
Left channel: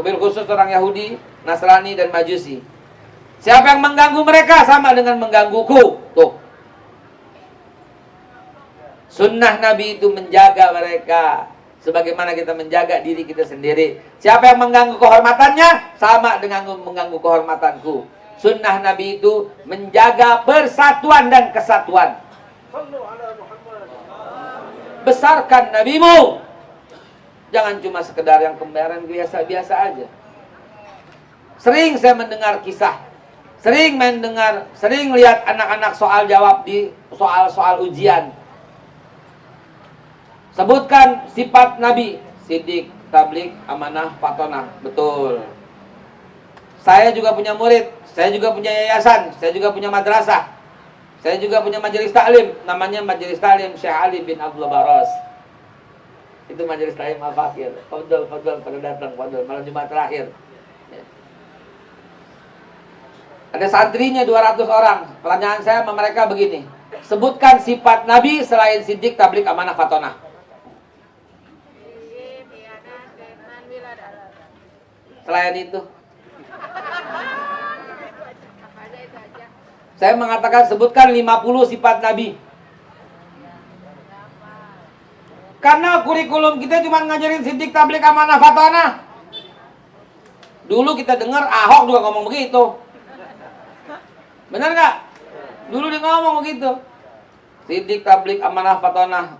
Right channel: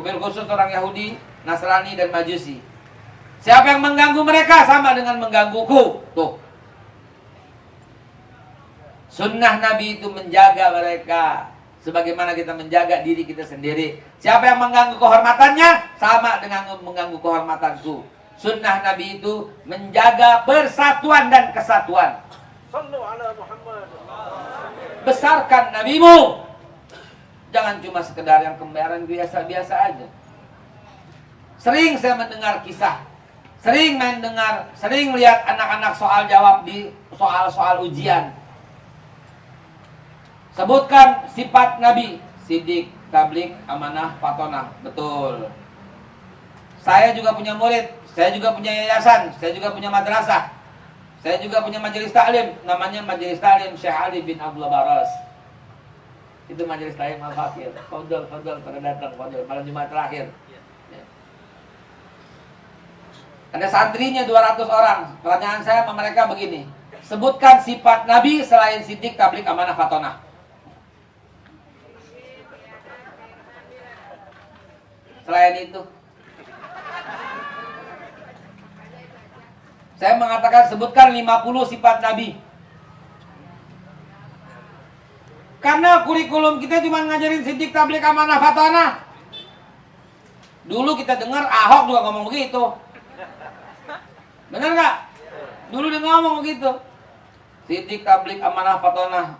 wabil khusus orang Yahudi, Nasrani dan Majusi, siapa yang mengganggu mereka sama dengan menggangguku. Tuh. Sunnah Nabi itu menjaga mereka sebagaimana kita menjaga diri kita sendiri. Siapa yang mengganggu kehormatannya sama dengan mengganggu kehormatanku. Sunnah Nabi itu menjaga persatuan dan kesatuan. Besarkan nabimu. Jangan cuma sekedar yang kembaran biasa-biasa aja. Sering saya mendengar kisah, sering lihat anak-anak soal jawab di soal-soal ujian. Sebutkan sifat Nabi, sidik, tablik, amanah, fatonah. Betul. Saya juga punya murid, saya juga punya yayasan, saya juga punya madrasah, saya juga punya majelis taklim, namanya Majelis Taklim Syekh Ali bin Abdullah Baros. Itu majelis taklim al-fakir. Fadl pada datang, fadl malam Jumat terakhir. Ada santrinya 200 orang. Pertanyaan saya sama mereka begini, sebutkan sifat Nabi selain sidik, tablik, amanah, fatonah. Selain itu, saya mengatakan sebutkan 50 sifat Nabi. Karena kurikulum kita cuma ngajarin sidik, tablik, amanah, fatanah. Dulu kita dengar Ahok juga ngomong begitu. Benar nggak? Dulu dia ngomong begitu. Sidik, tablik, amanah, fatanah.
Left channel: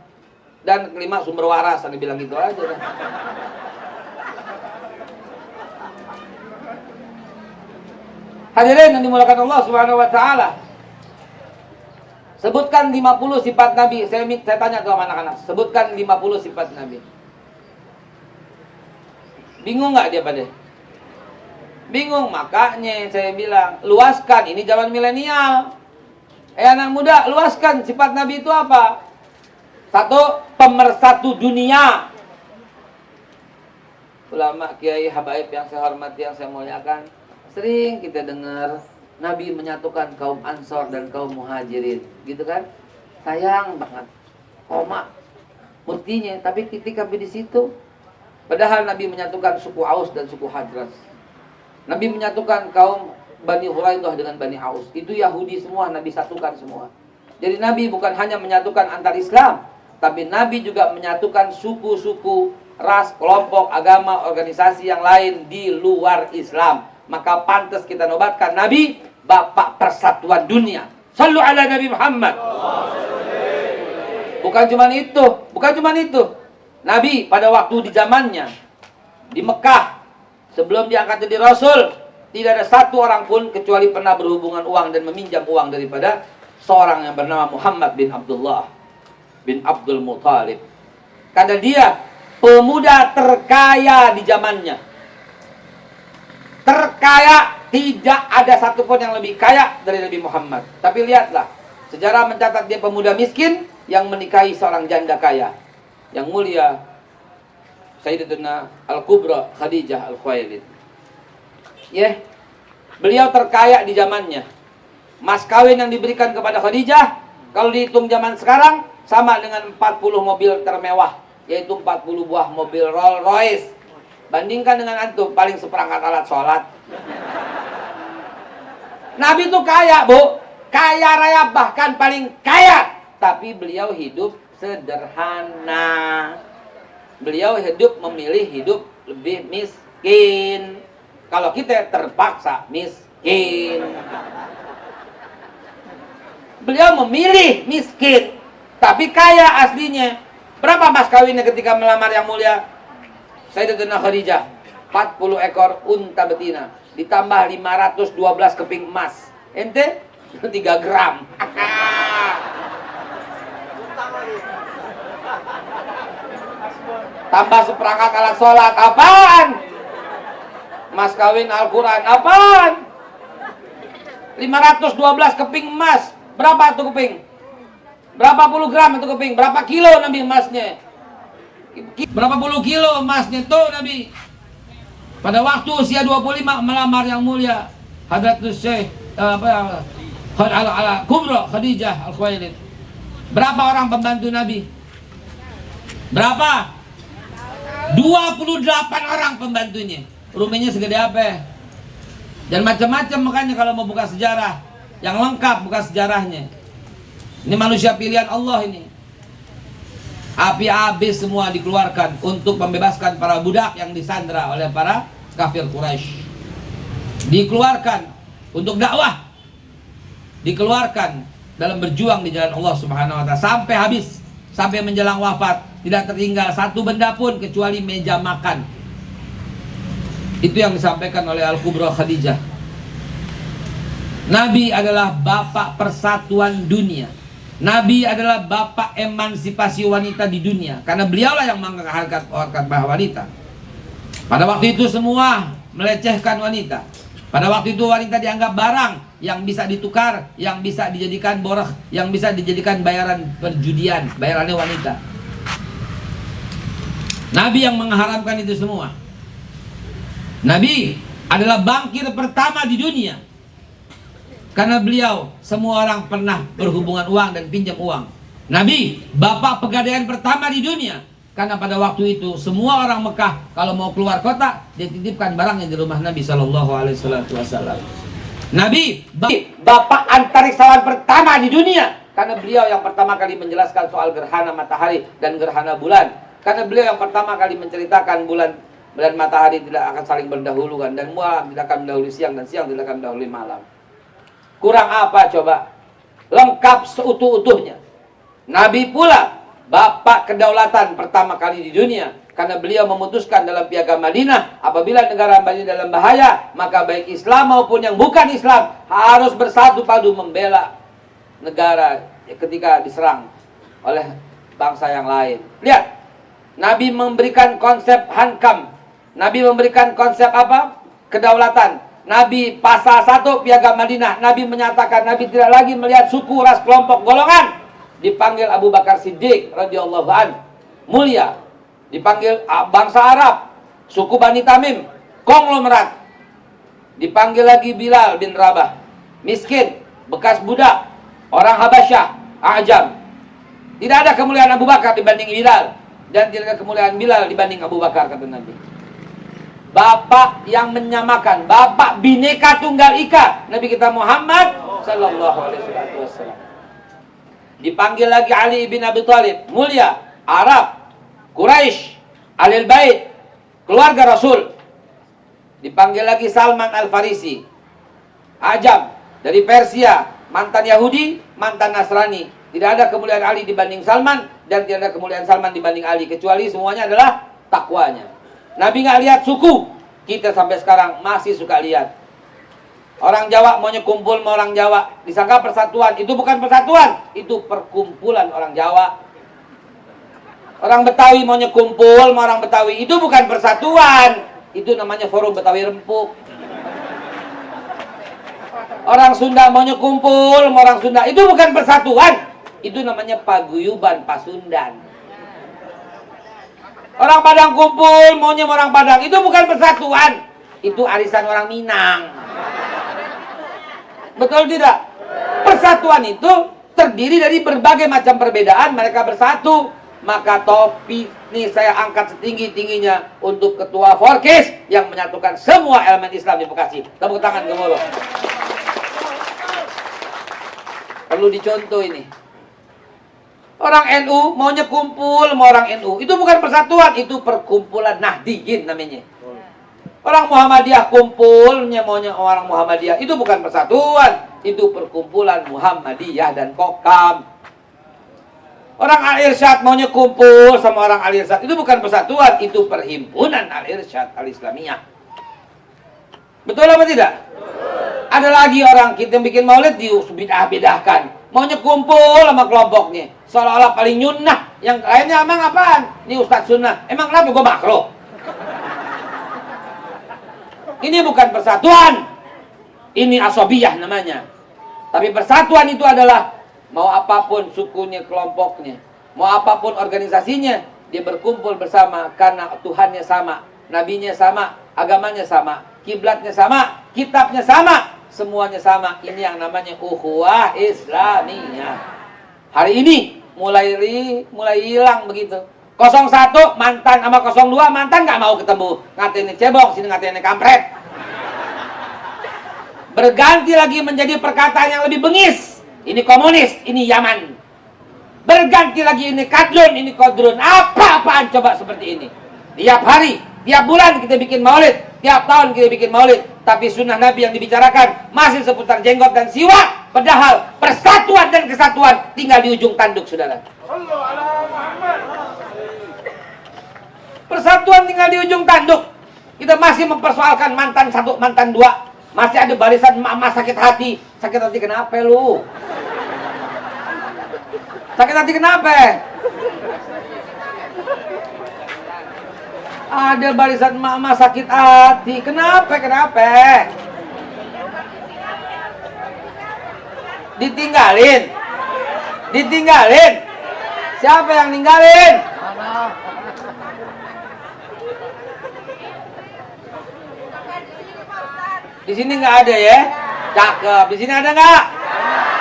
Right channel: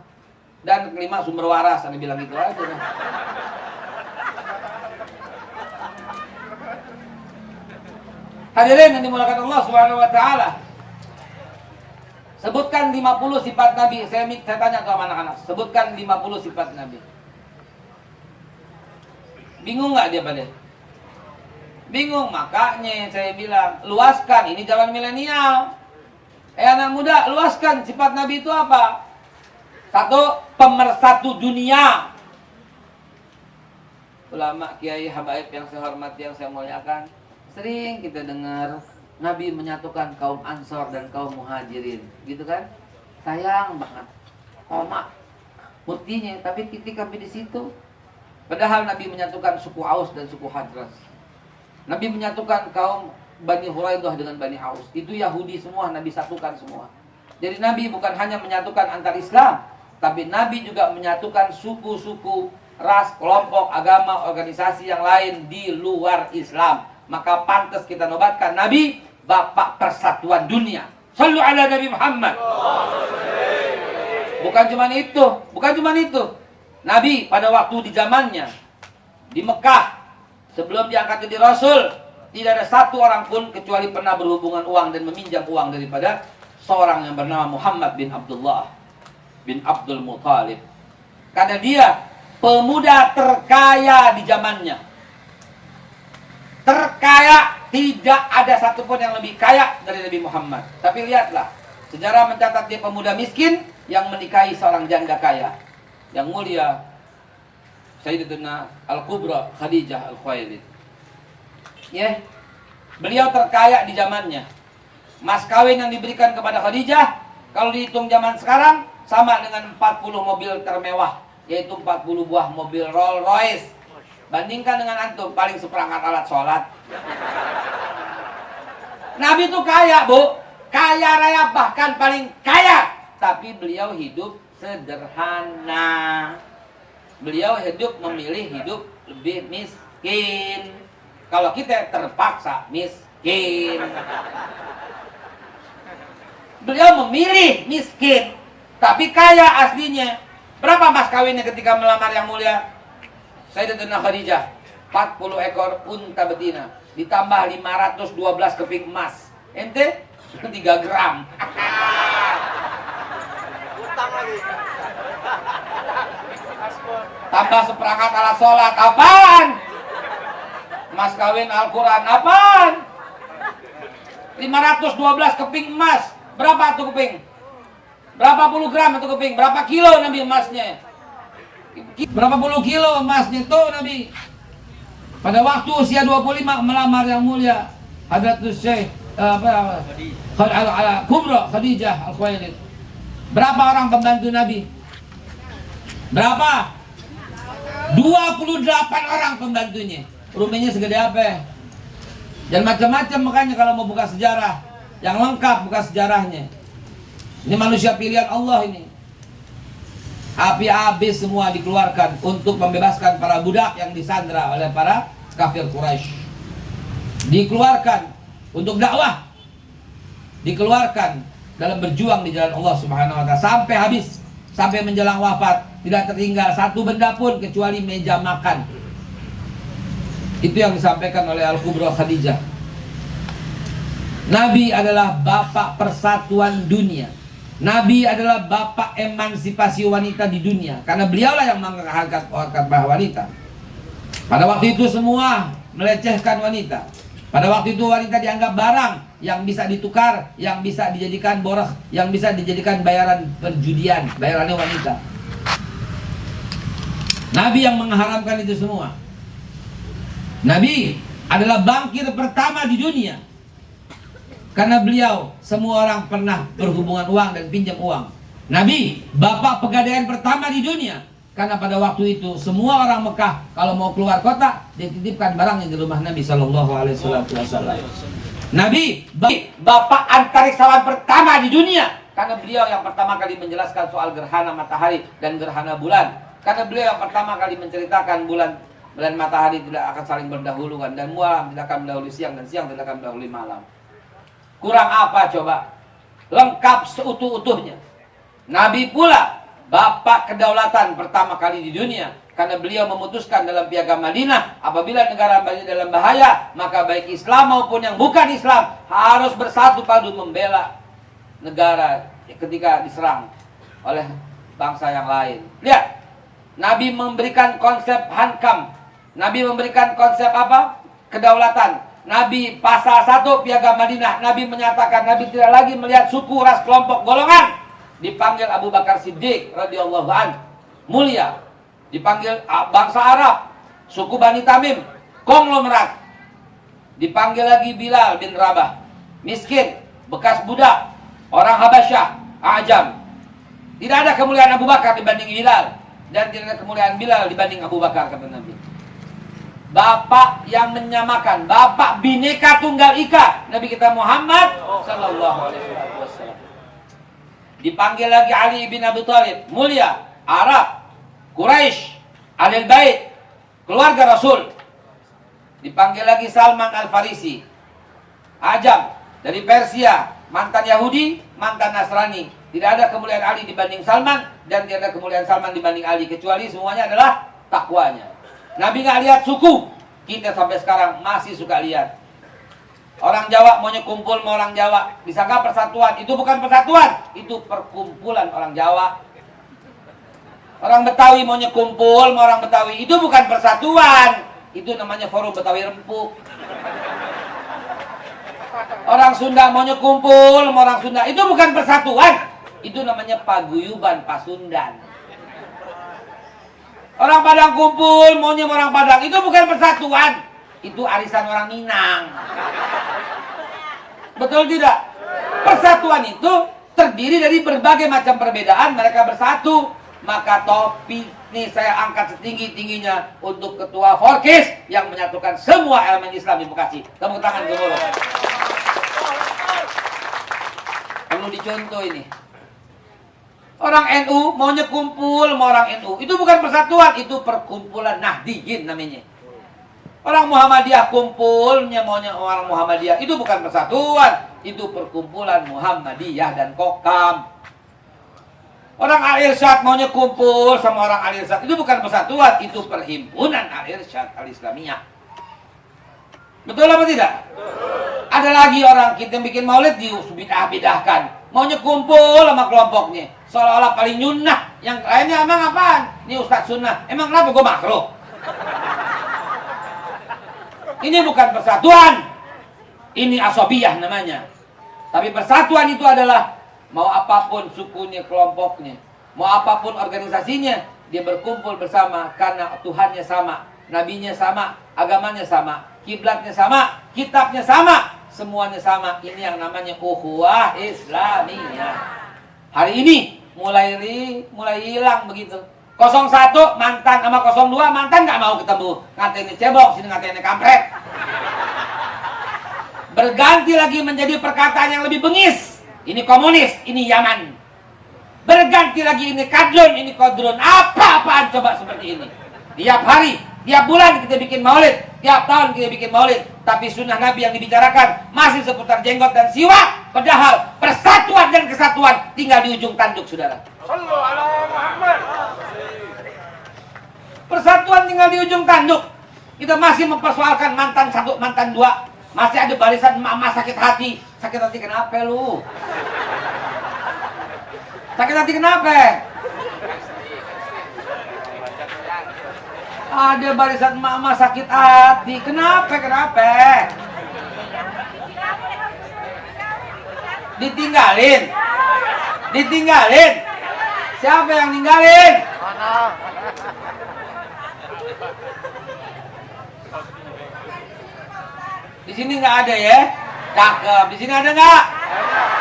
Dan kelima sumber waras, dia bilang gitu aja. Hadirin yang dimuliakan Allah Subhanahu wa taala. Sebutkan 50 sifat Nabi. Saya tanya tuh sama anak-anak. Sebutkan 50 sifat Nabi. Bingung nggak dia pada? Bingung, makanya saya bilang, luaskan. Ini zaman milenial. Anak muda, luaskan sifat Nabi itu apa? Satu, pemersatu dunia. Ulama, kiai, habaib yang saya hormati, yang saya muliakan, sering kita dengar Nabi menyatukan kaum Ansor dan kaum Muhajirin, gitu kan? Sayang banget, koma, mestinya, tapi titik sampai di situ. Padahal Nabi menyatukan suku Aus dan suku Hadras. Nabi menyatukan kaum Bani Huraidah dengan Bani Aus. Itu Yahudi semua, Nabi satukan semua. Jadi Nabi bukan hanya menyatukan antar Islam, tapi Nabi juga menyatukan suku-suku, ras, kelompok, agama, organisasi yang lain di luar Islam. Maka pantas kita nobatkan Nabi Bapak persatuan dunia. Sallu ala Nabi Muhammad. Bukan cuma itu. Nabi pada waktu di zamannya di Mekah sebelum diangkat jadi Rasul, tidak ada satu orang pun kecuali pernah berhubungan uang dan meminjam uang daripada seorang yang bernama Muhammad bin Abdullah bin Abdul Muthalib. Karena dia pemuda terkaya di zamannya. Terkaya, tidak ada satupun yang lebih kaya dari Nabi Muhammad. Tapi lihatlah, sejarah mencatat dia pemuda miskin yang menikahi seorang janda kaya. Yang mulia Sayyidatuna Al-Kubra Khadijah Al-Khuwailid. Beliau terkaya di zamannya. Mas kawin yang diberikan kepada Khadijah, kalau dihitung zaman sekarang, sama dengan 40 mobil termewah, yaitu 40 buah mobil Rolls Royce. Bandingkan dengan antum, paling seperangkat alat sholat. Nabi itu kaya, Bu. Kaya raya, bahkan paling kaya. Tapi beliau hidup sederhana. Beliau hidup memilih hidup lebih miskin. Kalau kita terpaksa miskin. Beliau memilih miskin, tapi kaya aslinya. Berapa mas kawinnya ketika melamar yang mulia Sayyidatuna Khadijah? 40 ekor unta betina ditambah 512 keping emas. Ente 3 gram. Tambah seperangkat alat sholat. Apaan? Mas kawin Al-Quran. Apaan? 512 keping emas. Berapa tuh keping? Berapa puluh gram itu keping? Berapa kilo Nabi emasnya? Berapa puluh kilo emasnya tuh Nabi? Pada waktu usia 25 melamar yang mulia Hadratus Syekh Kubra Khadijah Al-Khuwailid. Berapa orang pembantu Nabi? Berapa? 28 orang pembantunya. Rumahnya segede apa? Dan macam-macam, makanya kalau mau buka sejarah yang lengkap, buka sejarahnya. Ini manusia pilihan Allah ini. Api habis semua dikeluarkan untuk membebaskan para budak yang disandra oleh para kafir Quraisy. Dikeluarkan untuk dakwah. Dikeluarkan dalam berjuang di jalan Allah Subhanahu wa taala sampai habis, sampai menjelang wafat, tidak tertinggal satu benda pun kecuali meja makan. Itu yang disampaikan oleh Al-Kubra Khadijah. Nabi adalah bapak persatuan dunia. Nabi adalah bapak emansipasi wanita di dunia. Karena beliaulah yang mengangkat bahwa wanita. Pada waktu itu semua melecehkan wanita. Pada waktu itu wanita dianggap barang yang bisa ditukar, yang bisa dijadikan borah, yang bisa dijadikan bayaran perjudian, bayarannya wanita. Nabi yang mengharamkan itu semua. Nabi adalah bankir pertama di dunia. Karena beliau, semua orang pernah berhubungan uang dan pinjam uang. Nabi, bapak pegadaian pertama di dunia. Karena pada waktu itu, semua orang Mekah, kalau mau keluar kota, dititipkan barangnya di rumah Nabi SAW. Nabi, bapak antariksawan pertama di dunia. Karena beliau yang pertama kali menjelaskan soal gerhana matahari dan gerhana bulan. Karena beliau yang pertama kali menceritakan bulan matahari tidak akan saling berdahuluan, dan malam tidak akan mendahului siang, dan siang tidak akan mendahului malam. Kurang apa coba? Lengkap seutuh-utuhnya. Nabi pula bapak kedaulatan pertama kali di dunia, karena beliau memutuskan dalam piagam Madinah, apabila negara Madinah dalam bahaya, maka baik Islam maupun yang bukan Islam harus bersatu padu membela negara ketika diserang oleh bangsa yang lain. Lihat, Nabi memberikan konsep hankam. Nabi memberikan konsep apa? Kedaulatan. Nabi pasal 1 piagam Madinah, Nabi menyatakan Nabi tidak lagi melihat suku, ras, kelompok, golongan. Dipanggil Abu Bakar Siddiq radhiyallahu an, mulia. Dipanggil bangsa Arab, suku Bani Tamim, konglomerat. Dipanggil lagi Bilal bin Rabah, miskin, bekas budak, orang Habasyah, Ajam. Tidak ada kemuliaan Abu Bakar dibanding Bilal, dan tidak ada kemuliaan Bilal dibanding Abu Bakar, kata Nabi. Bapak yang menyamakan, bapak bineka tunggal ika, Nabi kita Muhammad sallallahu alaihi wasallam. Dipanggil lagi Ali bin Abi Thalib, mulia, Arab, Quraisy, Ahlul Bait, keluarga Rasul. Dipanggil lagi Salman Al-Farisi, Ajam, dari Persia, mantan Yahudi, mantan Nasrani. Tidak ada kemuliaan Ali dibanding Salman, dan tidak ada kemuliaan Salman dibanding Ali, kecuali semuanya adalah takwanya. Nabi nggak lihat suku. Kita sampai sekarang masih suka lihat. Orang Jawa maunya kumpul sama orang Jawa, disangka persatuan. Itu bukan persatuan, itu perkumpulan orang Jawa. Orang Betawi maunya kumpul sama orang Betawi, itu bukan persatuan, itu namanya forum Betawi Rempuk. Orang Sunda maunya kumpul sama orang Sunda, itu bukan persatuan, itu namanya paguyuban Pasundan. Orang Padang kumpul maunya sama orang Padang, itu bukan persatuan, itu arisan orang Minang. Betul tidak? Persatuan itu terdiri dari berbagai macam perbedaan, mereka bersatu. Maka topi ini saya angkat setinggi-tingginya untuk Ketua Forkis yang menyatukan semua elemen Islam di Bekasi. Tepuk tangan ke mulut. Perlu dicontoh ini. Orang NU maunya kumpul sama orang NU, itu bukan persatuan, itu perkumpulan Nahdiyin namanya. Orang Muhammadiyah kumpulnya maunya orang Muhammadiyah, itu bukan persatuan, itu perkumpulan Muhammadiyah dan Kokam. Orang Al-Irsyad maunya kumpul sama orang Al-Irsyad, itu bukan persatuan, itu perhimpunan Al-Irsyad Al-Islamiyah. Betul apa tidak? Ada lagi orang kita bikin maulid dibedah-bedahkan, maunya kumpul sama kelompoknya, seolah-olah paling nyunnah. Yang lainnya emang apaan? Ini Ustadz sunnah, emang kenapa gue makro? Ini bukan persatuan, ini asobiyah namanya. Tapi persatuan itu adalah mau apapun sukunya, kelompoknya, mau apapun organisasinya, dia berkumpul bersama karena Tuhannya sama, nabinya sama, agamanya sama, kiblatnya sama, kitabnya sama, semuanya sama. Ini yang namanya ukhuwah Islamiyah. Hari ini mulai hilang begitu. 01 mantan sama 02 mantan nggak mau ketemu, ngatain ini cebong, sini ngatain ini kampret. Berganti lagi menjadi perkataan yang lebih bengis. Ini komunis, ini Yaman. Berganti lagi ini kadrun, ini kodrun. Apa-apaan coba seperti ini. Tiap hari, tiap bulan kita bikin maulid, tiap tahun kita bikin maulid. Tapi sunnah Nabi yang dibicarakan masih seputar jenggot dan siwak. Padahal persatuan dan kesatuan tinggal di ujung tanduk, saudara. Persatuan tinggal di ujung tanduk. Kita masih mempersoalkan mantan 1, mantan 2. Masih ada barisan emak-emak sakit hati. Sakit hati kenapa lu? Sakit hati kenapa? Ada barisan emak-emak sakit hati. Kenapa? Ditinggalin. Siapa yang ninggalin? Di sini nggak ada ya? Cakep. Di sini ada nggak?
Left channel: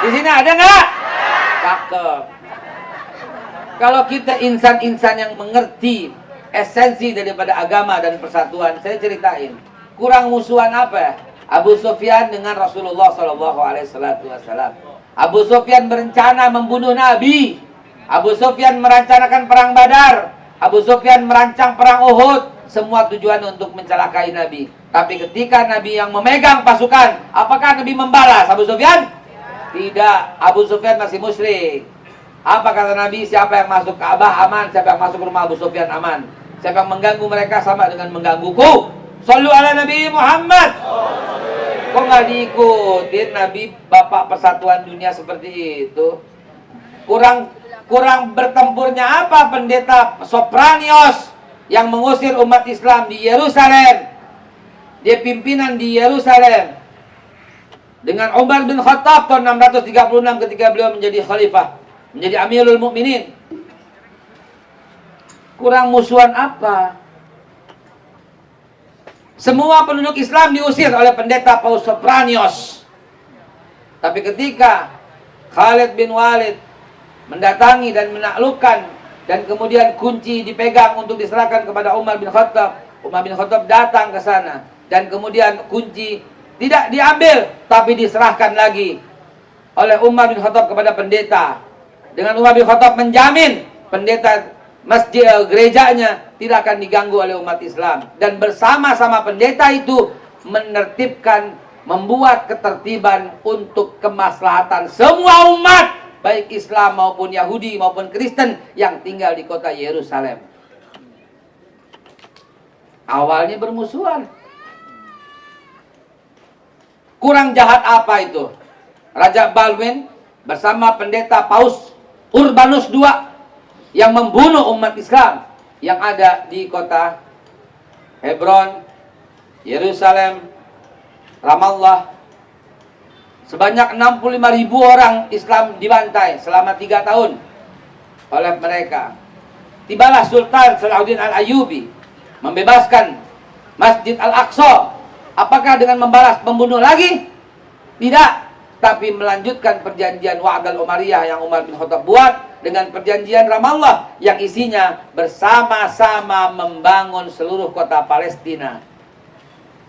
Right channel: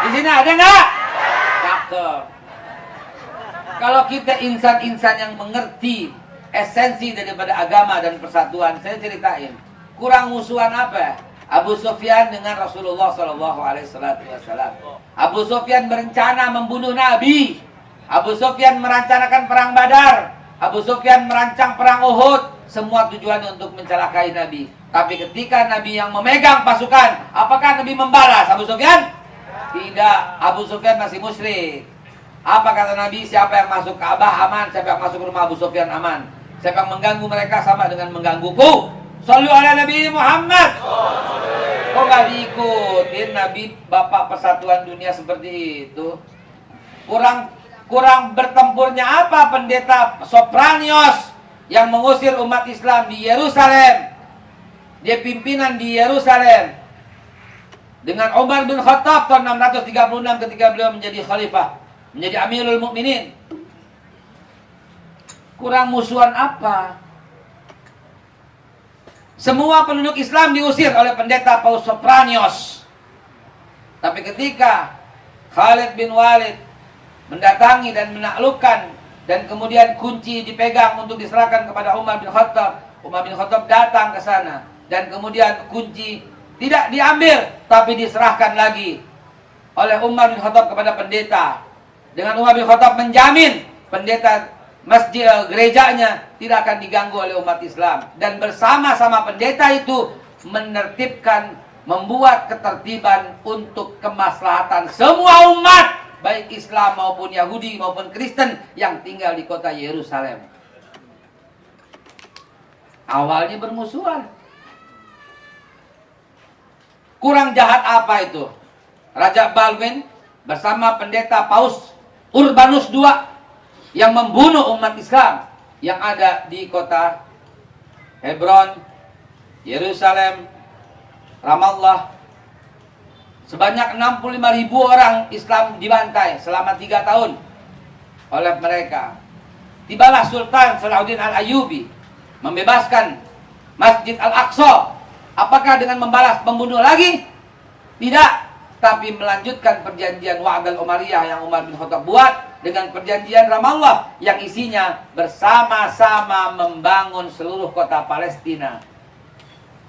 Di sini ada nggak? Cakep. Kalau kita insan-insan yang mengerti esensi daripada agama dan persatuan, saya ceritain. Kurang musuhan apa? Abu Sufyan dengan Rasulullah SAW. Abu Sufyan berencana membunuh Nabi. Abu Sufyan merencanakan perang Badar. Abu Sufyan merancang perang Uhud. Semua tujuan untuk mencelakai Nabi. Tapi ketika Nabi yang memegang pasukan, apakah Nabi membalas Abu Sufyan? Tidak. Abu Sufyan masih musyrik. Apa kata Nabi? Siapa yang masuk Ka'bah aman, siapa yang masuk rumah Abu Sufyan aman. Siapa yang mengganggu mereka sama dengan menggangguku. Shallu ala Nabi Muhammad. Kok nggak diikutin Nabi Bapak Persatuan Dunia seperti itu? Kurang bertempurnya apa pendeta Sopranios yang mengusir umat Islam di Yerusalem? Dia pimpinan di Yerusalem dengan Umar bin Khattab tahun 636 ketika beliau menjadi khalifah, menjadi Amirul Mukminin. Kurang musuhan apa? Semua penduduk Islam diusir oleh pendeta Paus Sopranios. Tapi ketika Khalid bin Walid mendatangi dan menaklukkan, dan kemudian kunci dipegang untuk diserahkan kepada Umar bin Khattab, Umar bin Khattab datang ke sana, dan kemudian kunci tidak diambil, tapi diserahkan lagi oleh Umar bin Khattab kepada pendeta. Dengan Umar bin Khattab menjamin pendeta masjid gerejanya tidak akan diganggu oleh umat Islam, dan bersama-sama pendeta itu menertibkan, membuat ketertiban untuk kemaslahatan semua umat, baik Islam maupun Yahudi maupun Kristen yang tinggal di kota Yerusalem. Awalnya bermusuhan. Kurang jahat apa itu? Raja Baldwin bersama pendeta Paus Urbanus II yang membunuh umat Islam yang ada di kota Hebron, Yerusalem, Ramallah. Sebanyak 65.000 orang Islam dibantai selama 3 tahun oleh mereka. Tibalah Sultan Salahuddin Al-Ayyubi membebaskan Masjid Al-Aqsa. Apakah dengan membalas membunuh lagi? Tidak. Tapi melanjutkan perjanjian Wa'dal Umariyah yang Umar bin Khattab buat dengan perjanjian Ramallah yang isinya bersama-sama membangun seluruh kota Palestina.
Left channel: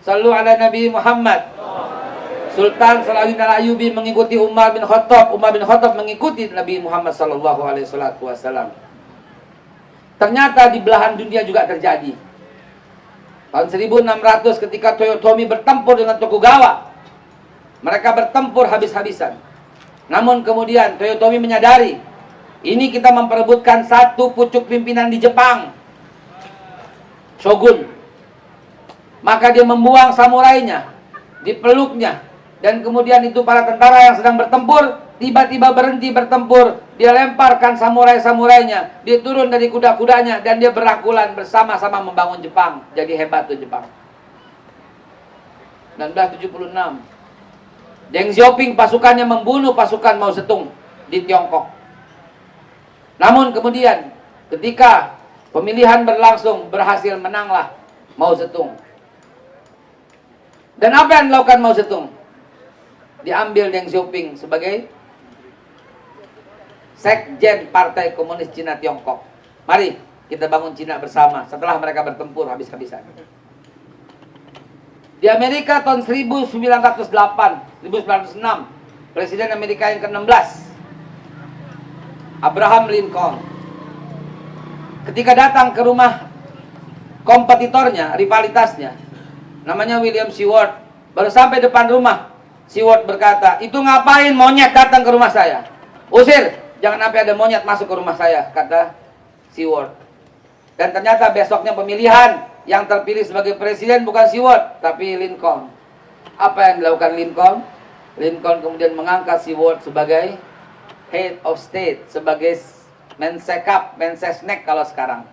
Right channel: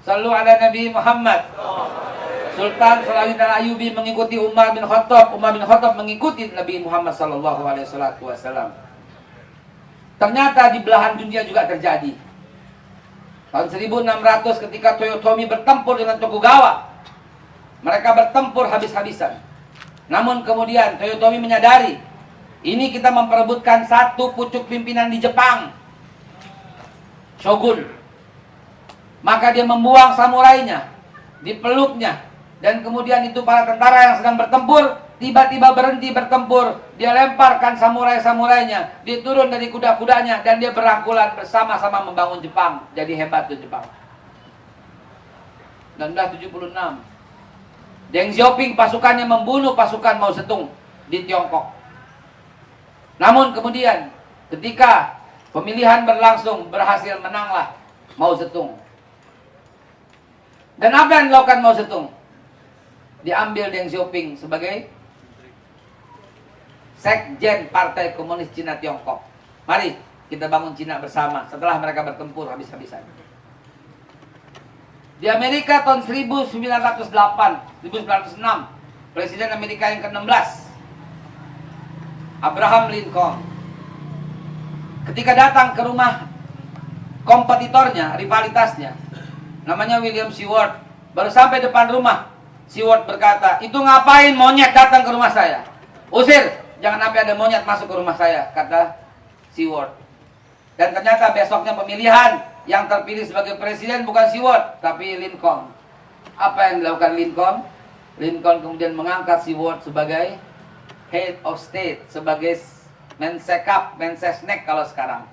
Sallu ala Nabi Muhammad. Sultan Salahuddin Al-Ayyubi mengikuti Umar bin Khattab, Umar bin Khattab mengikuti Nabi Muhammad sallallahu alaihi wasallam. Ternyata di belahan dunia juga terjadi. Tahun 1600 ketika Toyotomi bertempur dengan Tokugawa, mereka bertempur habis-habisan. Namun kemudian Toyotomi menyadari, ini kita memperebutkan satu pucuk pimpinan di Jepang, Shogun. Maka dia membuang samurainya, dipeluknya, dan kemudian itu para tentara yang sedang bertempur tiba-tiba berhenti bertempur. Dia lemparkan samurai-samurainya, dia turun dari kuda-kudanya, dan dia berangkulan bersama-sama membangun Jepang. Jadi hebat tuh Jepang. 1976 Deng Xiaoping pasukannya membunuh pasukan Mao Zedong di Tiongkok. Namun kemudian ketika pemilihan berlangsung, berhasil menanglah Mao Zedong. Dan apa yang dilakukan Mao Zedong? Diambil Deng Xiaoping sebagai Sekjen Partai Komunis Cina Tiongkok. Mari kita bangun Cina bersama setelah mereka bertempur habis-habisan. Di Amerika tahun 1906, Presiden Amerika yang ke-16, Abraham Lincoln, ketika datang ke rumah kompetitornya, rivalitasnya, namanya William Seward, baru sampai depan rumah, Seward berkata, "Itu ngapain monyet datang ke rumah saya? Usir, jangan sampai ada monyet masuk ke rumah saya," kata Seward. Dan ternyata besoknya pemilihan, yang terpilih sebagai presiden bukan Seward, tapi Lincoln. Apa yang dilakukan Lincoln? Lincoln kemudian mengangkat Seward sebagai head of state, sebagai mensekap, mensesnek kalau sekarang.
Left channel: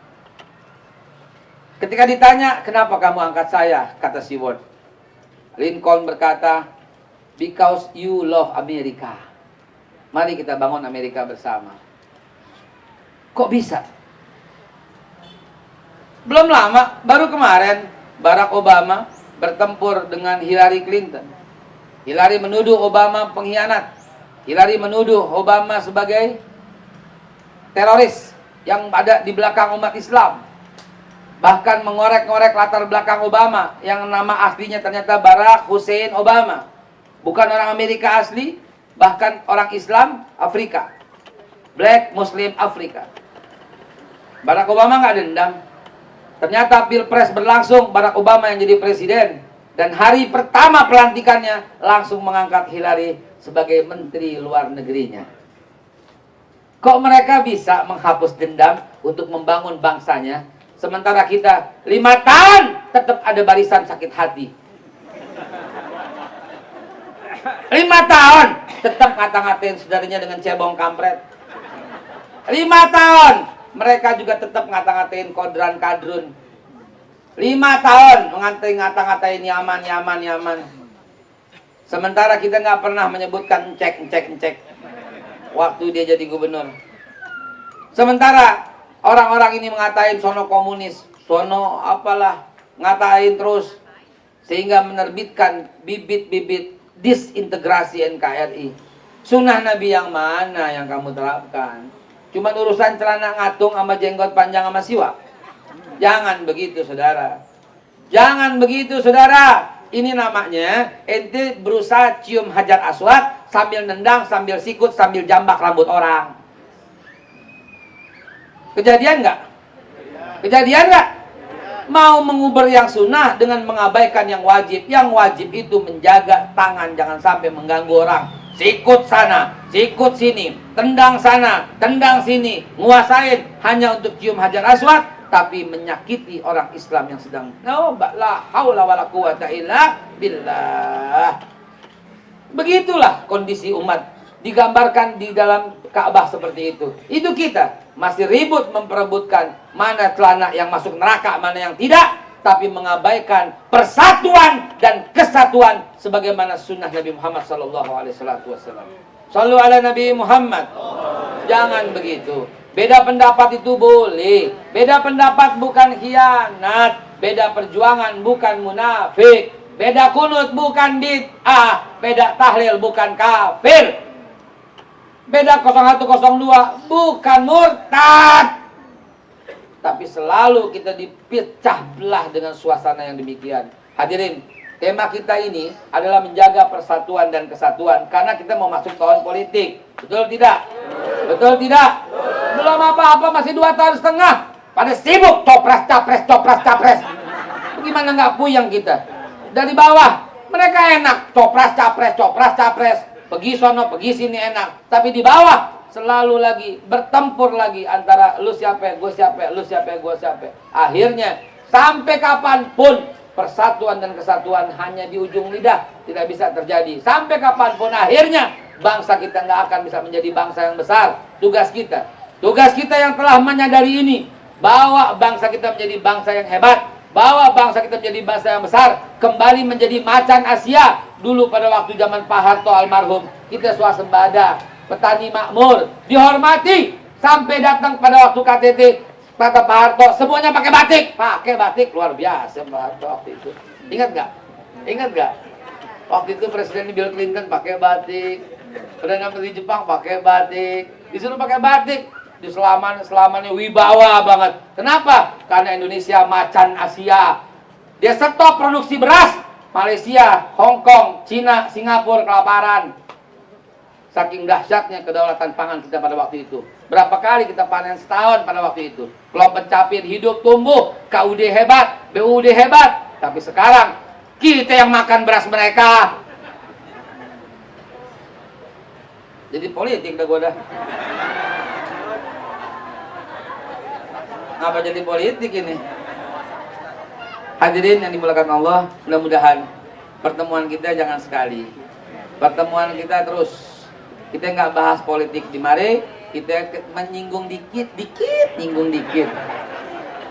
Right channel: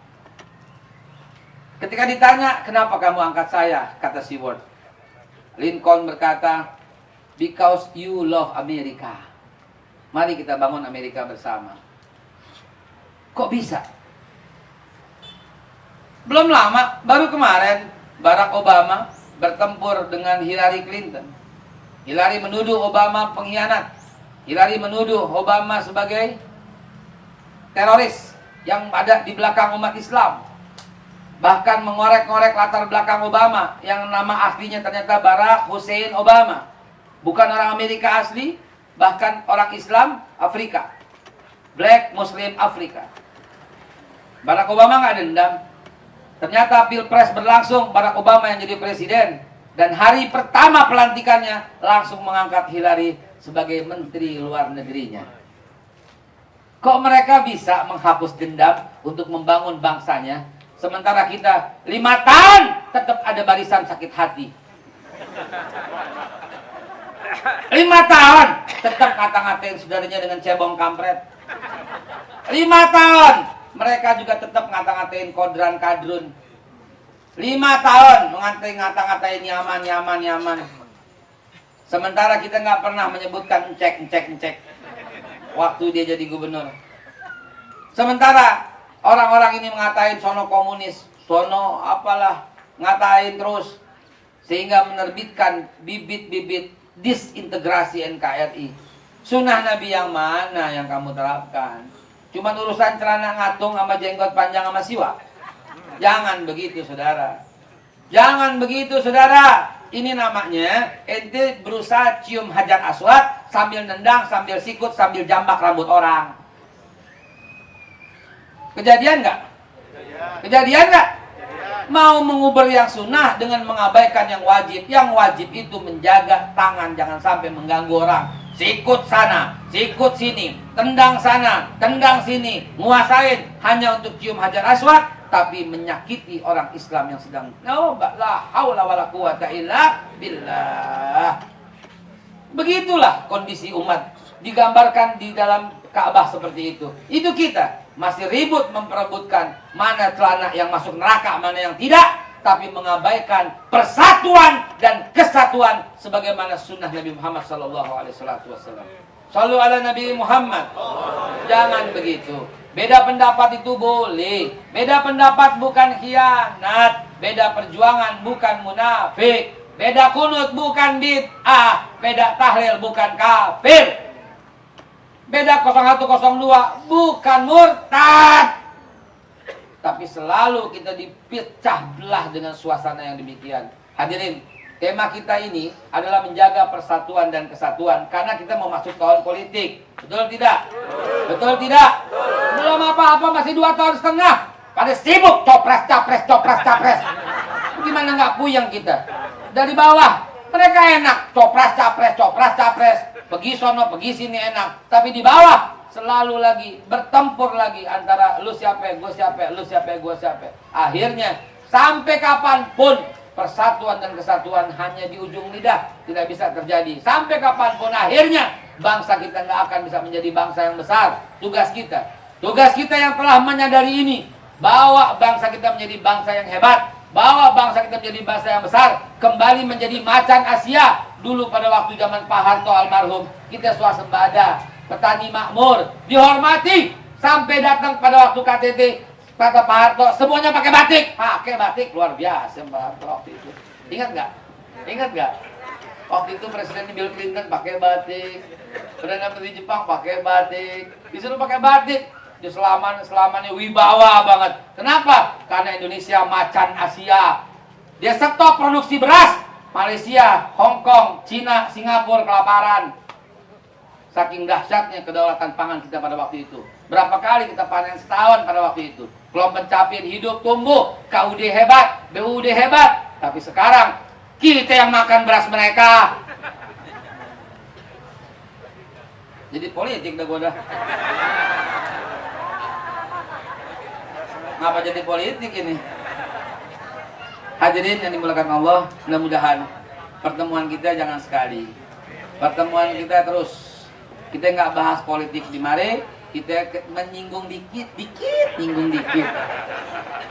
Ketika ditanya, "Kenapa kamu angkat saya?" kata Seward. Lincoln berkata, "Because you love America. Mari kita bangun Amerika bersama." Kok bisa? Belum lama, baru kemarin Barack Obama bertempur dengan Hillary Clinton. Hillary menuduh Obama pengkhianat. Hillary menuduh Obama sebagai teroris yang ada di belakang umat Islam. Bahkan mengorek-ngorek latar belakang Obama yang nama aslinya ternyata Barack Hussein Obama. Bukan orang Amerika asli, Bahkan orang Islam Afrika, Black Muslim Afrika. Barack Obama nggak dendam. Ternyata pilpres berlangsung, Barack Obama yang jadi presiden. Dan hari pertama pelantikannya langsung mengangkat Hillary sebagai menteri luar negerinya. Kok mereka bisa menghapus dendam untuk membangun bangsanya, sementara kita 5 tahun tetap ada barisan sakit hati. 5 tahun tetap ngata-ngatain saudaranya dengan cebong kampret. 5 tahun mereka juga tetap ngata-ngatain kodran kadrun. 5 tahun ngata-ngatain nyaman. Sementara kita nggak pernah menyebutkan cek. Waktu dia jadi gubernur. Sementara orang-orang ini mengatain sono komunis, sono apalah, ngatain terus. Sehingga menerbitkan bibit-bibit disintegrasi NKRI. Sunnah Nabi yang mana yang kamu terapkan? Cuma urusan celana ngatung sama jenggot panjang sama siwak. Jangan begitu saudara. Jangan begitu saudara. Ini namanya ente berusaha cium hajar aswad sambil nendang, sambil sikut, sambil jambak rambut orang. Kejadian nggak? Kejadian nggak? Mau mengubur yang sunnah dengan mengabaikan yang wajib. Yang wajib itu menjaga tangan jangan sampai mengganggu orang. Sikut sana, sikut sini, tendang sana, tendang sini, nguasain hanya untuk cium hajar aswad, tapi menyakiti orang Islam yang sedang la haula wala quwata illa billah. Begitulah kondisi umat digambarkan di dalam Ka'bah seperti itu. Itu kita masih ribut memperebutkan mana celana yang masuk neraka, mana yang tidak, tapi mengabaikan persatuan dan kesatuan sebagaimana sunnah Nabi Muhammad SAW. Shallu ala Nabi Muhammad. Jangan begitu. Beda pendapat itu boleh. Beda pendapat bukan khianat. Beda perjuangan bukan munafik. Beda kunut bukan bid'ah. Beda tahlil bukan kafir. Beda 0102 bukan murtad. Tapi selalu kita dipecah belah dengan suasana yang demikian. Hadirin, tema kita ini adalah menjaga persatuan dan kesatuan karena kita mau masuk tahun politik. Betul tidak? Betul tidak? Belum apa-apa masih 2 tahun setengah. Pada sibuk copres capres. Gimana nggak puyeng kita? Dari bawah mereka enak copres capres. Pergi sono, pergi sini enak. Tapi di bawah selalu lagi bertempur lagi antara lu siapa, gue siapa, lu siapa, gue siapa. Akhirnya sampai kapanpun persatuan dan kesatuan hanya di ujung lidah, tidak bisa terjadi. Sampai kapanpun akhirnya bangsa kita nggak akan bisa menjadi bangsa yang besar. Tugas kita yang telah menyadari ini, bawa bangsa kita menjadi bangsa yang hebat, bawa bangsa kita menjadi bangsa yang besar, kembali menjadi macan Asia. Dulu pada waktu zaman Pak Harto almarhum, kita swasembada, petani makmur, dihormati, sampai datang pada waktu KTT, kata Pak Harto, semuanya pakai batik, luar biasa Pak Harto waktu itu. Ingat nggak? Waktu itu Presiden Bill Clinton pakai batik, Perdana Menteri Jepang pakai batik, disuruh pakai batik, di selamannya wibawa banget. Kenapa? Karena Indonesia macan Asia. Dia stop produksi beras. Malaysia, Hong Kong, Cina, Singapura kelaparan. Saking dahsyatnya kedaulatan pangan kita pada waktu itu. Berapa kali kita panen setahun pada waktu itu. Kalau pencapaian hidup tumbuh, KUD hebat, BUD hebat. Tapi sekarang kita yang makan beras mereka. Jadi politik dah gua dah. Ngapa jadi politik ini? Hadirin yang dimuliakan Allah, mudah-mudahan pertemuan kita jangan sekali. Pertemuan kita terus. Kita nggak bahas politik di mari, kita menyinggung dikit.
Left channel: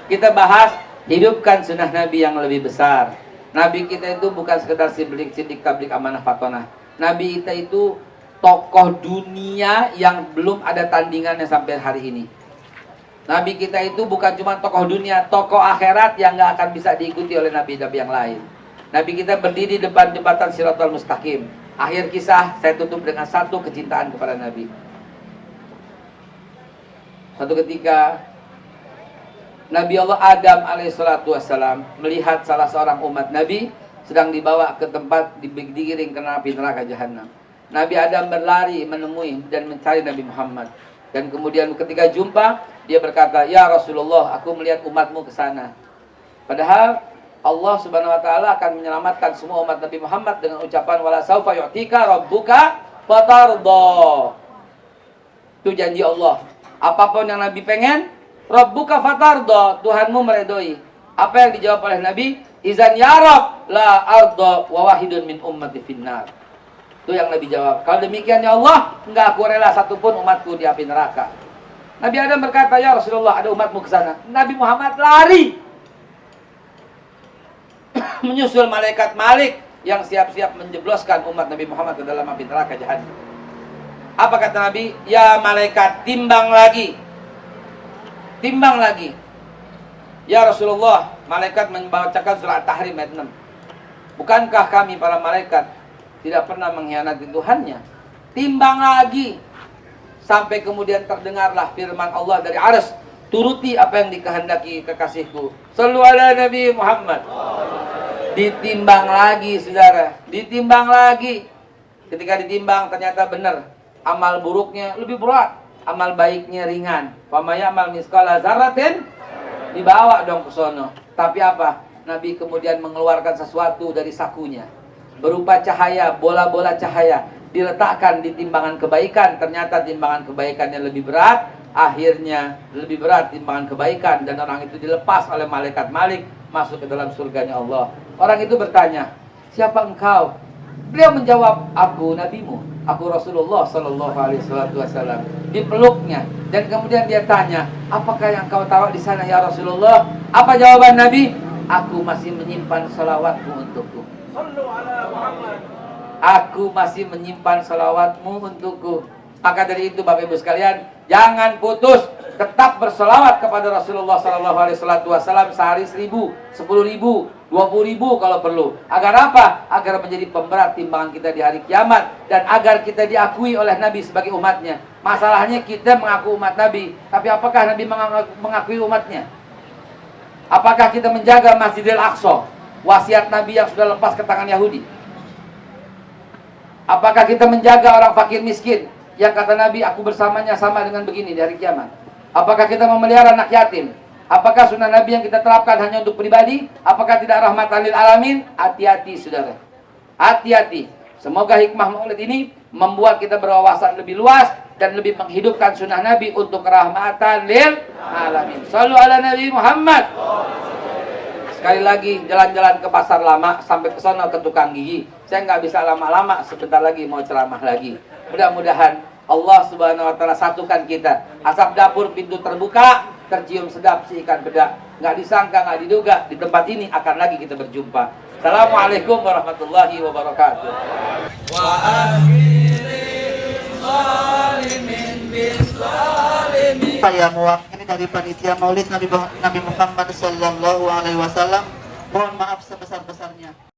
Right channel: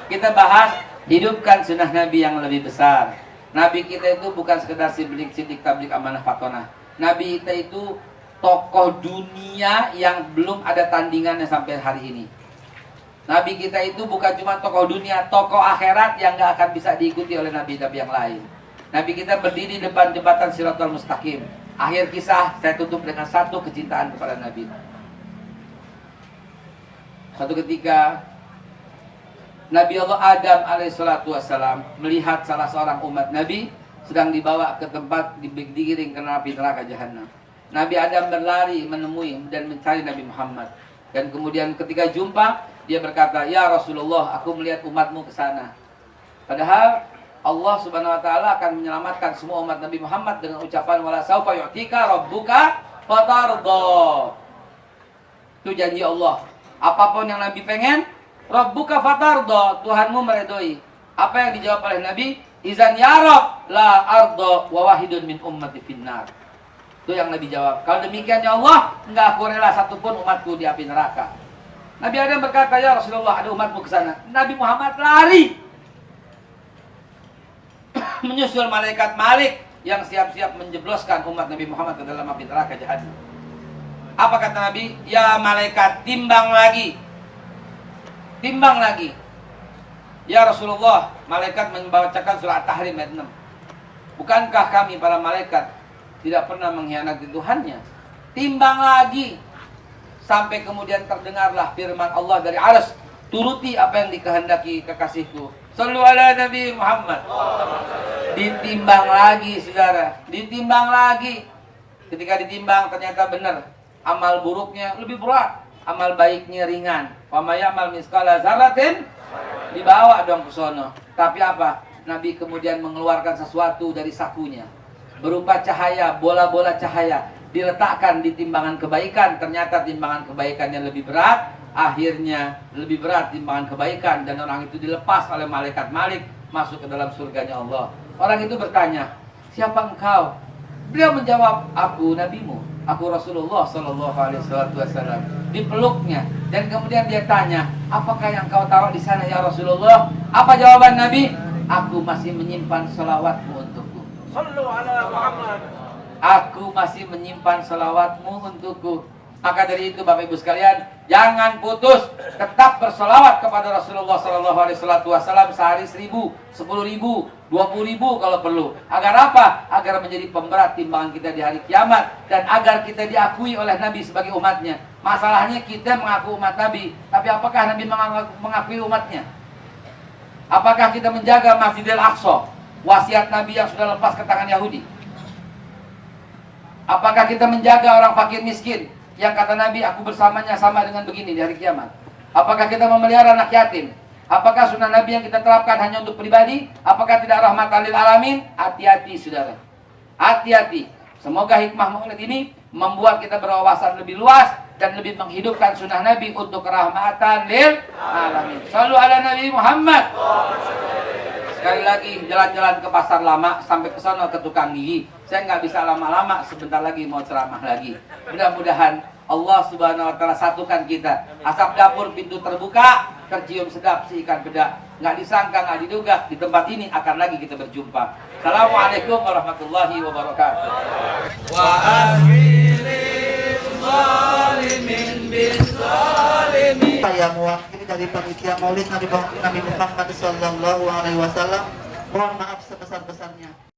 Kita bahas hidupkan sunnah Nabi yang lebih besar. Nabi kita itu bukan sekedar sidik tablik amanah fatonah. Nabi kita itu tokoh dunia yang belum ada tandingannya sampai hari ini. Nabi kita itu bukan cuma tokoh dunia, tokoh akhirat yang nggak akan bisa diikuti oleh nabi-nabi yang lain. Nabi kita berdiri di depan jembatan Shiratal Mustaqim. Akhir kisah saya tutup dengan satu kecintaan kepada Nabi. Satu ketika Nabi Allah Adam alaihissalatu wassalam melihat salah seorang umat Nabi sedang dibawa ke tempat digiring ke api neraka jahanam. Nabi Adam berlari menemui dan mencari Nabi Muhammad. Dan kemudian ketika jumpa, dia berkata, "Ya Rasulullah, aku melihat umatmu ke sana." Padahal Allah Subhanahu wa taala akan menyelamatkan semua umat Nabi Muhammad dengan ucapan wala saufa yu'tika rabbuka fatarda. Itu janji Allah. Apapun yang Nabi pengen, rabbuka fatarda, Tuhanmu meredoi. Apa yang dijawab oleh Nabi? Izan ya Rabb la arda wa wahidun min ummati finnar. Itu yang Nabi jawab. Kalau demikian ya Allah, enggak aku rela satupun umatku di api neraka. Nabi Adam berkata, "Ya Rasulullah, ada umatmu ke sana." Nabi Muhammad lari menyusul malaikat Malik yang siap-siap menjebloskan umat Nabi Muhammad ke dalam api neraka Jahannam. Apa kata Nabi? "Ya malaikat, timbang lagi. Timbang lagi." Ya Rasulullah, malaikat membacakan surat Tahrim ayat 6. Bukankah kami para malaikat tidak pernah mengkhianati Tuhannya? Timbang lagi. Sampai kemudian terdengarlah firman Allah dari arsy, "Turuti apa yang dikehendaki kekasihku." Shallu ala Nabi Muhammad. Ditimbang lagi, saudara. Ditimbang lagi. Ketika ditimbang ternyata benar. Amal buruknya lebih berat, amal baiknya ringan. Wa may ya'mal misqala dzarratin, dibawa dong ke sono. Tapi apa? Nabi kemudian mengeluarkan sesuatu dari sakunya berupa cahaya, bola-bola cahaya, diletakkan di timbangan kebaikan. Ternyata timbangan kebaikannya lebih berat. Akhirnya lebih berat timbangan kebaikan, dan orang itu dilepas oleh malaikat Malik masuk ke dalam surganya Allah. Orang itu bertanya, "Siapa engkau?" Beliau menjawab, "Aku nabimu, aku Rasulullah sallallahu alaihi wasallam." Dipeluknya, dan kemudian dia tanya, "Apakah yang kau tahu di sana ya Rasulullah?" Apa jawaban Nabi? "Aku masih menyimpan salawatmu untukku." Aku masih menyimpan salawatmu untukku. Maka dari itu Bapak Ibu sekalian, jangan putus, tetap berselawat kepada Rasulullah sallallahu alaihi wasallam sehari 1000, 10.000, 20.000 kalau perlu. Agar apa? Agar menjadi pemberat timbangan kita di hari kiamat, dan agar kita diakui oleh Nabi sebagai umatnya. Masalahnya kita mengaku umat Nabi, tapi apakah Nabi mengakui umatnya? Apakah kita menjaga Masjidil Aqsa, wasiat Nabi yang sudah lepas ke tangan Yahudi? Apakah kita menjaga orang fakir miskin yang kata Nabi, aku bersamanya sama dengan begini di hari kiamat? Apakah kita memelihara anak yatim? Apakah sunnah Nabi yang kita terapkan hanya untuk pribadi? Apakah tidak rahmatan lil alamin? Hati-hati saudara, hati-hati. Semoga hikmah maulid ini membuat kita berwawasan lebih luas dan lebih menghidupkan sunnah Nabi untuk rahmatan lil alamin. Shallu ala Nabi Muhammad. Sekali lagi, jalan-jalan ke pasar lama sampai ke sana ke tukang gigi. Saya nggak bisa lama-lama, sebentar lagi mau ceramah lagi. Mudah-mudahan Allah Subhanahu wa taala satukan kita. Asap dapur pintu terbuka, tercium sedap si ikan bedak. Nggak disangka, nggak diduga, di tempat ini akan lagi kita berjumpa. Assalamualaikum warahmatullahi wabarakatuh. Wa akhirin zalimin bizzalimin. Saya mewakili dari panitia Maulid Nabi Muhammad sallallahu alaihi wasallam. Mohon maaf sebesar-besarnya.